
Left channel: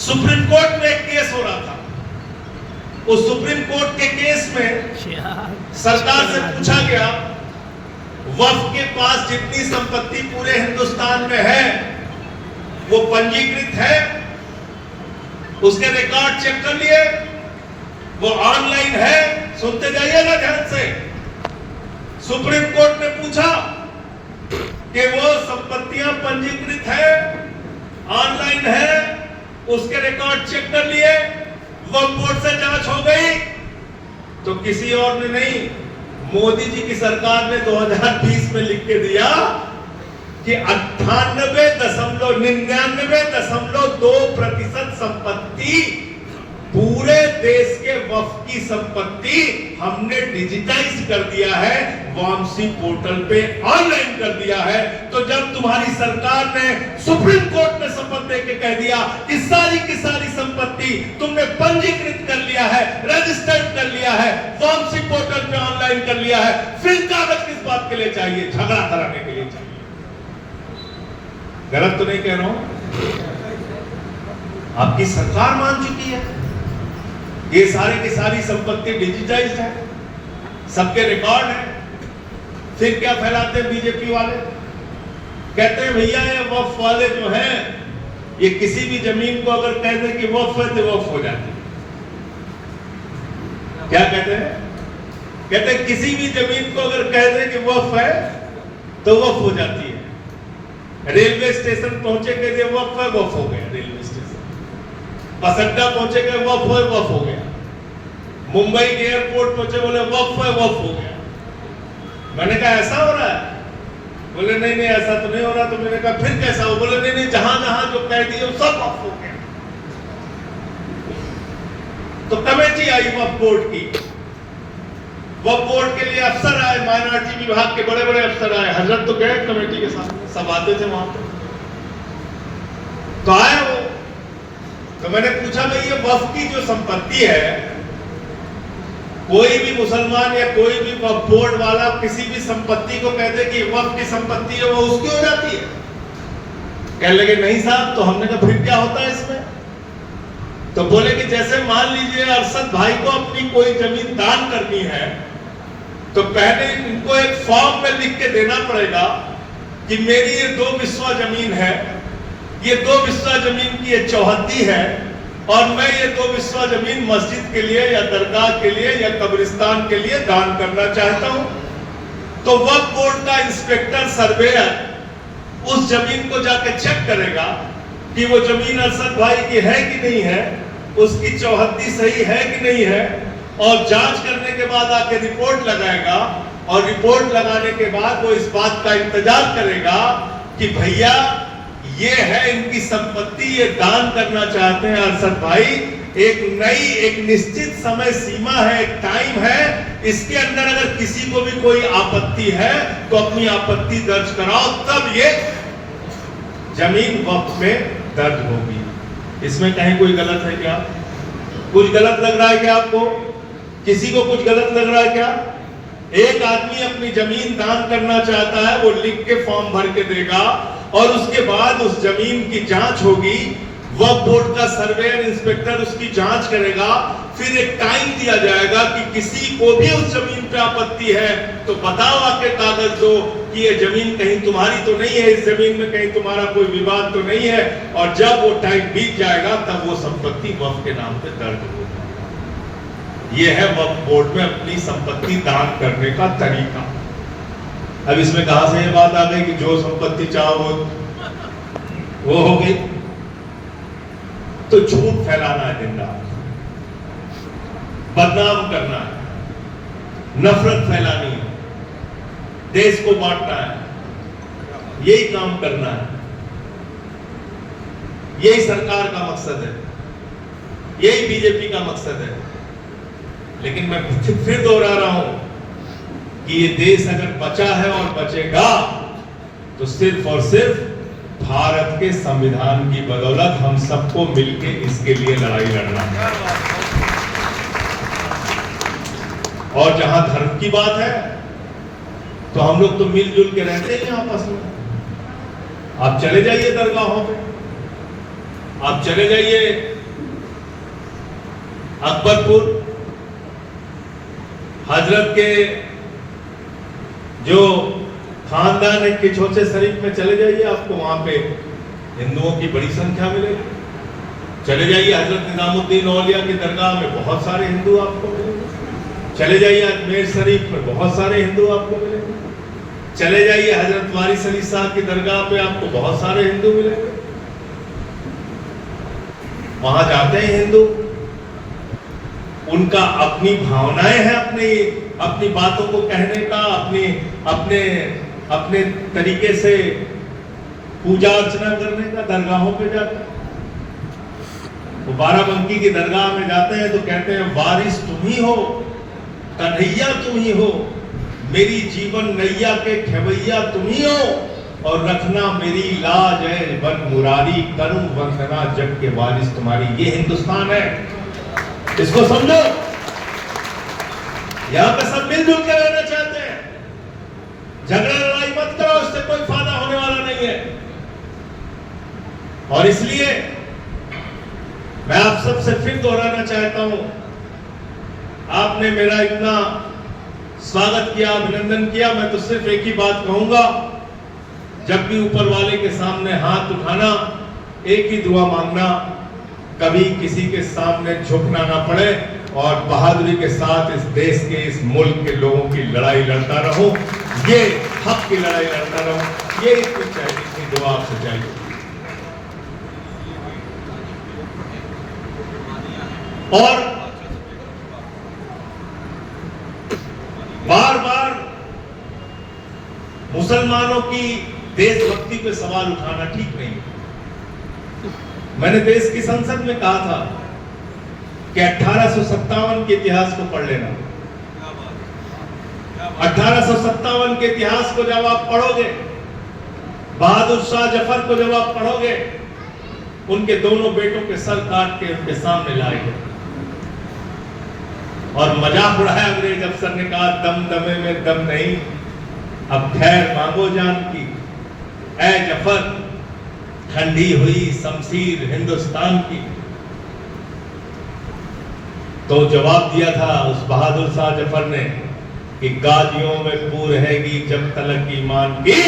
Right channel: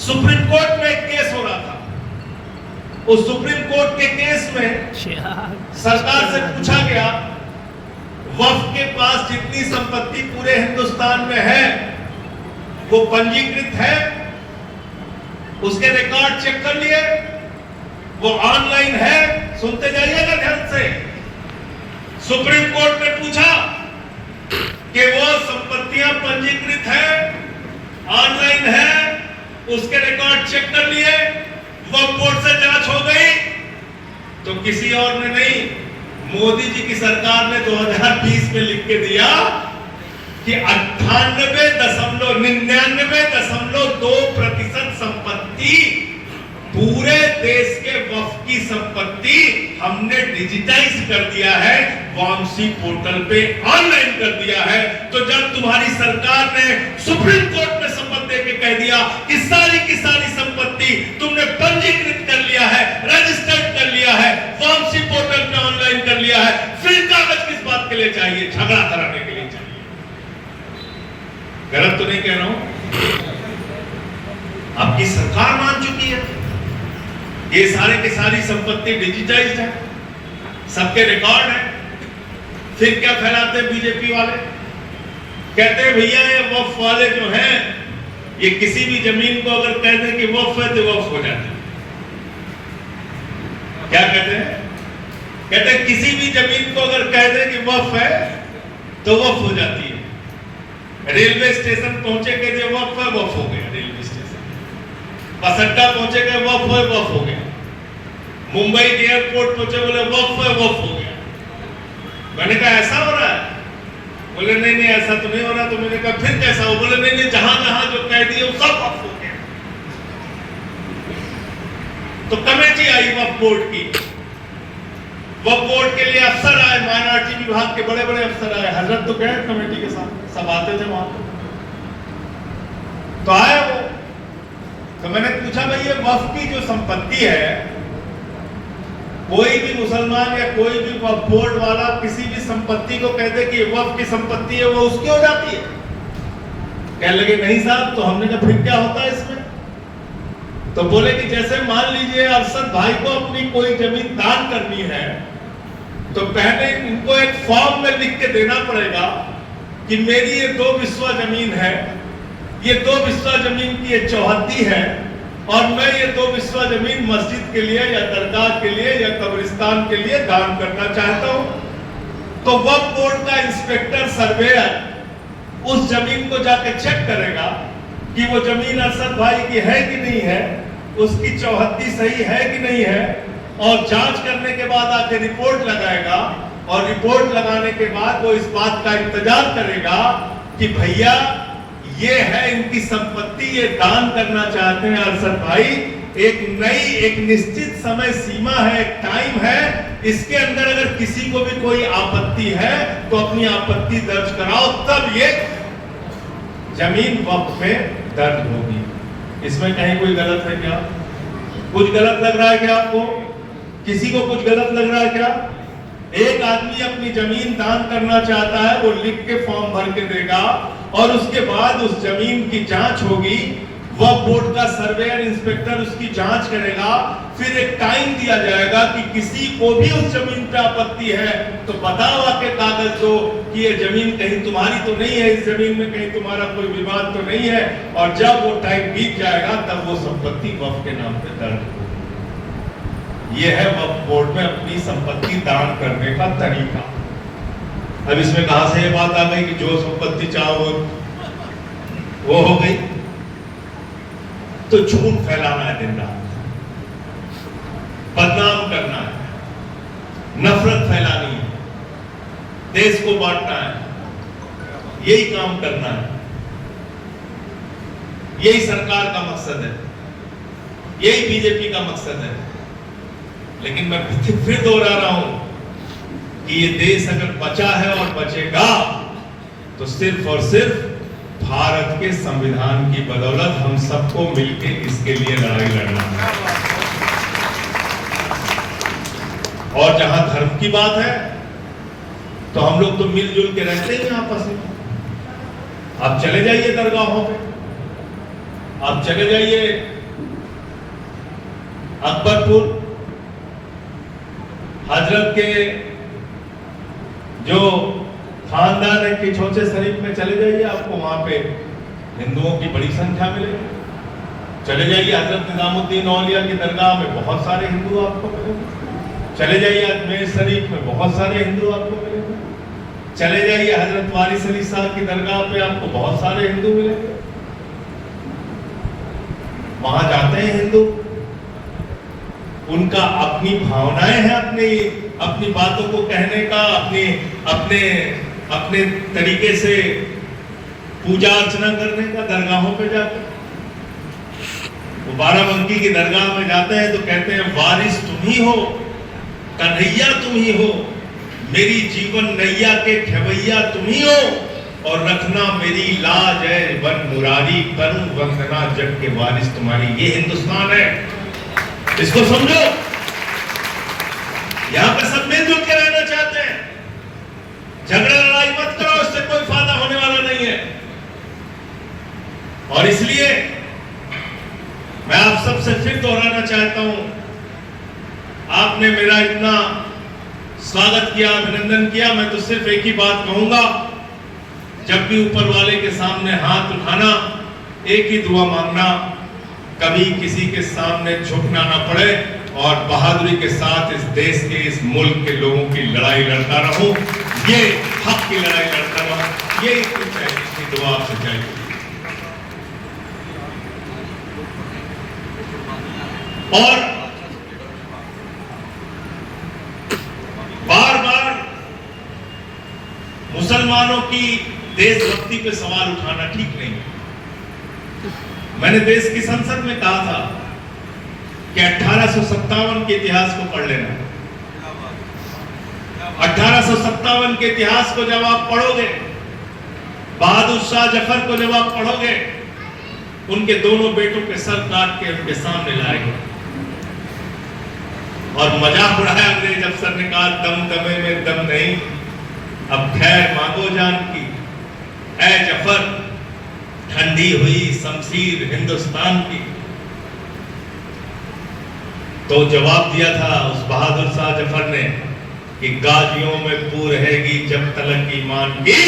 सुप्रीम कोर्ट में एक केस हो रहा था, उस सुप्रीम कोर्ट के केस में सरकार से पूछा गया वक्फ के पास जितनी संपत्ति पूरे हिंदुस्तान में है वो पंजीकृत है? उसके रिकॉर्ड चेक कर लिए, वो ऑनलाइन है, सुनते जाइएगा ध्यान से। सुप्रीम कोर्ट ने पूछा कि वो संपत्तियां पंजीकृत है, ऑनलाइन है, उसके रिकॉर्ड चेक कर लिए, वो बोर्ड से जांच हो गई। तो किसी और ने नहीं, मोदी जी की सरकार ने 2020 में लिख के दिया कि 99.2% संपत्ति, पूरे देश के वक्फ की संपत्ति हमने डिजिटाइज कर दिया है, वामसी पोर्टल पे ऑनलाइन कर दिया है। तो जब तुम्हारी सरकार ने सुप्रीम कोर्ट में शपथ देके कह दिया कि सारी की सारी संपत्ति तुमने पंजीकृत कर लिया है, रजिस्टर्ड कर लिया है, वामसी पोर्टल पे ऑनलाइन कर लिया है, फिर कागज किस बात के लिए चाहिए? झगड़ा कराने के लिए चाहिए। गलत तो नहीं कह रहा हूं? आपकी सरकार मान चुकी है, ये सारे की सारी संपत्ति डिजिटाइज्ड है, सबके रिकॉर्ड है। फिर क्या फैलाते हैं बीजेपी वाले? कहते हैं भैया ये वक्फ वाले जो हैं, ये किसी भी जमीन को अगर कह दें कि वक्फ है तो वक्फ हो जाती है। क्या कहते हैं? कहते हैं किसी भी जमीन को अगर कह दें कि वक्फ है तो वक्फ हो जाती है। रेलवे स्टेशन पहुंचे के जो वक्फ है, वक्फ हो गया रेलवे स्टेशन। बस अड्डा पहुंचे के वक्फ हो गया। मुंबई एयरपोर्ट पहुंचे, बोले वक्फ है, वक्फ हो गया। मैंने कहा ऐसा हो रहा है? बोले नहीं नहीं ऐसा तो नहीं हो रहा। तो मैंने कहा फिर कैसा हो? बोले नहीं नहीं, जहां जहां जो कह दिए वो सब वक्फ हो गया। तो कमेटी आई वक्फ बोर्ड की, वक्फ बोर्ड के लिए अफसर आए, माइनॉरिटी विभाग के बड़े बड़े अफसर आए। हजरत तो गए कमेटी के साथ, सब आते थे वहां पे। तो आए वो, तो मैंने पूछा भाई ये वक्फ की जो संपत्ति है, कोई भी मुसलमान या कोई भी वक्फ बोर्ड वाला किसी भी संपत्ति को कह दे कि वक्फ की संपत्ति है, वो उसकी हो जाती है? कहने लगे नहीं साहब। तो हमने कहा फिर क्या होता है इसमें? तो बोले कि जैसे मान लीजिए अरशद भाई को अपनी कोई जमीन दान करनी है, तो पहले उनको एक फॉर्म में लिख के देना पड़ेगा कि मेरी ये 2 बिस्वा जमीन है, ये 2 बिस्वा जमीन की ये चौहद्दी है, और मैं ये 2 बिस्वा जमीन मस्जिद के लिए या दरगाह के लिए या कब्रिस्तान के लिए दान करना चाहता हूं। तो वक्फ बोर्ड का इंस्पेक्टर सर्वेयर उस जमीन को जाकर चेक करेगा कि वो जमीन अरशद भाई की है कि नहीं है, उसकी चौहद्दी सही है कि नहीं है, और जांच करने के बाद आके रिपोर्ट लगाएगा। और रिपोर्ट लगाने के बाद वो इस बात का इंतजार करेगा कि भैया ये है इनकी संपत्ति, ये दान करना चाहते हैं अरशद भाई, एक निश्चित समय सीमा है, एक टाइम है, इसके अंदर अगर किसी को भी कोई आपत्ति है तो अपनी आपत्ति दर्ज कराओ, तब ये जमीन वक्फ में दर्ज होगी। इसमें कहीं कोई गलत है क्या? कुछ गलत लग रहा है क्या आपको? किसी को कुछ गलत लग रहा है क्या? एक आदमी अपनी जमीन दान करना चाहता है, वो लिख के फॉर्म भर के देगा, और उसके बाद उस जमीन की जांच होगी, वक्फ बोर्ड का सर्वेयर इंस्पेक्टर उसकी जांच करेगा, फिर एक टाइम दिया जाएगा कि किसी को भी उस जमीन पे आपत्ति है तो बताओ, आके कागज दो कि ये जमीन कहीं तुम्हारी तो नहीं है, इस जमीन में कहीं तुम्हारा कोई विवाद तो नहीं है। और जब वो टाइम बीत जाएगा तब वो संपत्ति वक्फ के नाम पे दर्ज होगी। ये है वक्फ बोर्ड में अपनी संपत्ति दान करने का तरीका। अब इसमें कहां से ये बात आ गई कि जो संपत्ति चाहो वो हो गई? तो झूठ फैलाना है दिन रात, बदनाम करना है, नफरत फैलानी है, देश को बांटना है, यही काम करना है। यही सरकार का मकसद है, यही बीजेपी का मकसद है। लेकिन मैं फिर दोहरा रहा हूं कि ये देश अगर बचा है और बचेगा तो सिर्फ और सिर्फ भारत के संविधान की बदौलत। हम सबको मिलकर इसके लिए लड़ाई लड़ना है। और जहां धर्म की बात है तो हम लोग तो मिलजुल के रहते हैं आपस में। आप चले जाइए दरगाहों पे, आप चले जाइए अकबरपुर, हजरत के जो खानदान है किछोचे शरीफ में चले जाइए, आपको वहां पे हिंदुओं की बड़ी संख्या मिलेगी। चले जाइए हजरत निजामुद्दीन औलिया की दरगाह में बहुत सारे हिंदू आपको मिलेंगे। चले जाइए अजमेर शरीफ में बहुत सारे हिंदू आपको मिलेंगे। चले जाइए हजरत वारिस अली साहब की दरगाह पे आपको बहुत सारे हिंदू मिलेंगे। वहां जाते हैं हिंदू, उनका अपनी भावनाएं हैं, अपनी बातों को कहने का, अपने तरीके से पूजा अर्चना करने का दरगाहों पे जाकर। वो बाराबंकी की दरगाह में जाते हैं तो कहते हैं वारिस तुम ही हो, कन्हैया तुम ही हो, मेरी जीवन नैया के खेवैया तुम ही हो, और रखना मेरी लाज है वन मुरारी, करूं वंदना जग के वारिस तुम्हारी। ये हिंदुस्तान है, इसको समझो। यहां पे सब मिलजुल के रहना चाहते हैं। झगड़ा लड़ाई मत करो, उससे कोई फायदा होने वाला नहीं है। और इसलिए मैं आप सबसे फिर दोहराना चाहता हूं, आपने मेरा इतना स्वागत किया, अभिनंदन किया, मैं तो सिर्फ एक ही बात कहूंगा, जब भी ऊपर वाले के सामने हाथ उठाना, एक ही दुआ मांगना, कभी किसी के सामने झुकना ना पड़े, और बहादुरी के साथ इस देश के, इस मुल्क के लोगों की लड़ाई लड़ता रहूं, ये हक की लड़ाई लड़ता रहूं, ये इतनी दुआ आपसे चाहिए। और बार बार मुसलमानों की देशभक्ति पे सवाल उठाना ठीक नहीं है। मैंने देश की संसद में कहा था कि 1857 के इतिहास को पढ़ लेना। 1857 के इतिहास को जब आप पढ़ोगे, बहादुर शाह जफर को जब आप पढ़ोगे, उनके दोनों बेटों के सर काट के उनके सामने लाए गए और मजाक उड़ाया अंग्रेज अफसर ने, कहा दम दमे में दम नहीं, अब खैर मांगो जान की, ऐ जफर ठंडी हुई शमशीर हिंदुस्तान की। तो जवाब दिया था उस बहादुर शाह जफर ने कि गाजियों में पूर रहेगी जब तलक ईमान की,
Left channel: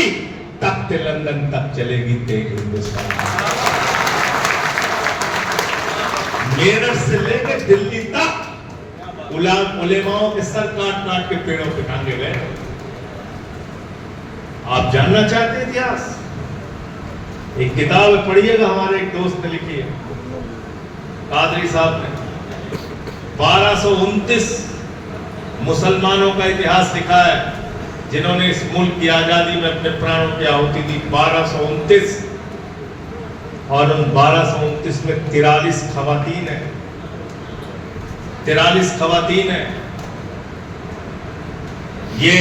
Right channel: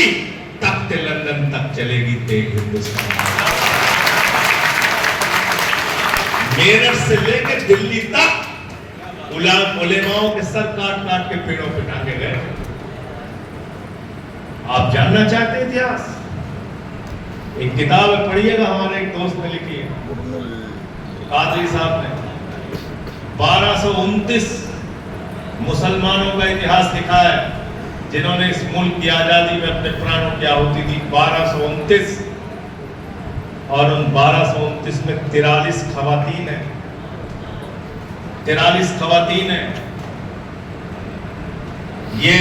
तख्त लंदन तक चलेगी तेज हिंदुस्तान। मेरठ से लेकर दिल्ली तक उलेमाओं के सर काट काट के पेड़ों पे टांगे गए। आप जानना चाहते हैं इतिहास? एक किताब पढ़िएगा, हमारे एक दोस्त ने लिखी है, कादरी साहब ने, 1229 मुसलमानों का इतिहास लिखा है, जिन्होंने इस मुल्क की आजादी में अपने प्राणों की आहुति दी। 1229, और उन 1229 में 43 खवातीन है, 43 खवातीन है। ये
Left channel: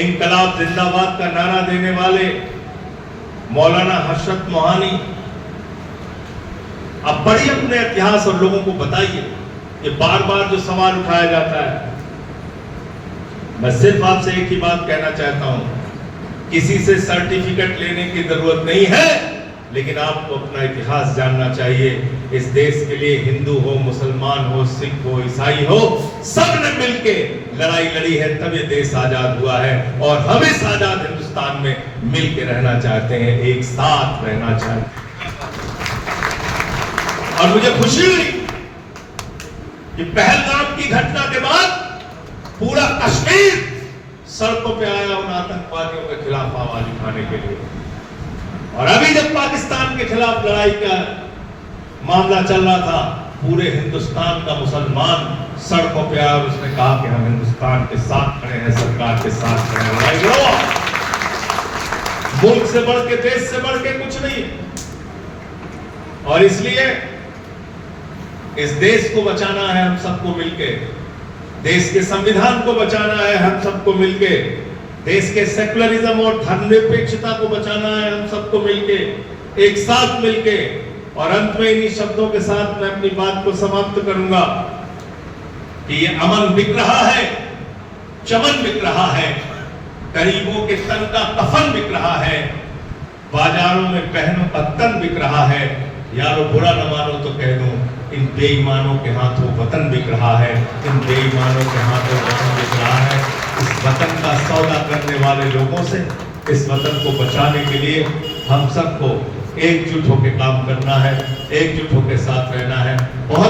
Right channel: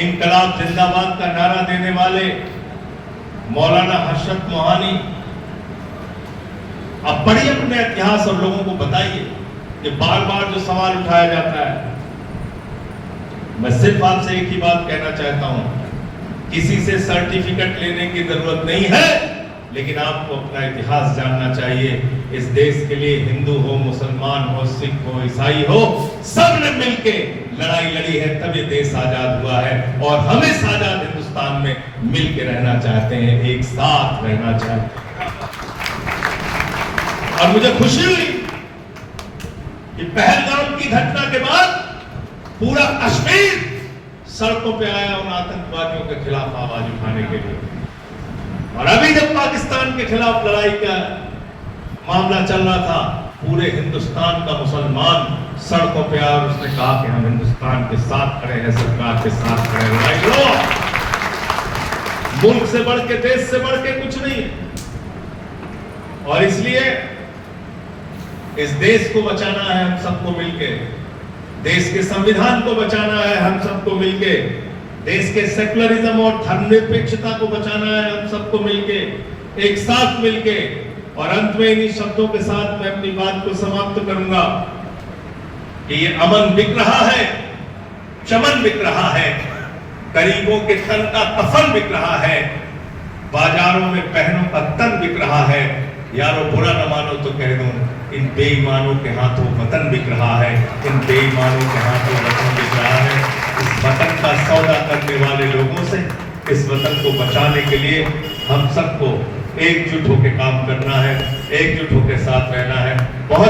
इनकलाब जिंदाबाद का नारा देने वाले मौलाना हशरत मोहानी, अब पढ़िए अपने इतिहास और लोगों को बताइए। ये बार बार जो सवाल उठाया जाता है, मैं सिर्फ आपसे एक ही बात कहना चाहता हूं, किसी से सर्टिफिकेट लेने की जरूरत नहीं है, लेकिन आपको अपना इतिहास जानना चाहिए। इस देश के लिए हिंदू हो, मुसलमान हो, सिख हो, ईसाई हो, सब ने मिलके लड़ाई लड़ी है, तब ये देश आजाद हुआ है। और हम इस आजाद हिंदुस्तान में मिलके रहना चाहते हैं, एक साथ रहना चाहते हैं। और मुझे खुशी हुई कि पहलगाम की घटना के बाद पूरा कश्मीर सड़कों पे आया उन आतंकवादियों के खिलाफ आवाज उठाने के लिए। और अभी जब पाकिस्तान के खिलाफ लड़ाई का मामला चल रहा था, पूरे हिंदुस्तान का मुसलमान सड़कों पे आया, उसने कहा कि हम हिंदुस्तान के साथ खड़े हैं, सरकार के साथ खड़े हैं। लड़ाई लड़ो, मुल्क से बढ़ के, देश से बढ़ के कुछ नहीं। और इसलिए इस देश को बचाना है हम सबको मिलके, देश के संविधान को बचाना है हम सबको मिलके, देश के सेकुलरिज्म और धर्मनिरपेक्षता को बचाना है हम सबको मिलके, एक साथ मिलके। और अंत में इन्हीं शब्दों के साथ मैं अपनी बात को समाप्त करूंगा कि ये अमन बिक रहा है, चमन बिक रहा है, गरीबों के तन का कफन बिक रहा है, बाजारों में बहनों का तन बिक रहा है। यारो बुरा न मानो तो कह दूं, इन बेईमानों के हाथों वतन बिक रहा है, इन बेईमानों के हाथों वतन बिक रहा है। इस वतन का सौदा करने वाले लोगों से, इस वतन को बचाने के लिए हम सबको एकजुट होकर काम करना है। एकजुट होकर साथ रहना है। बहुत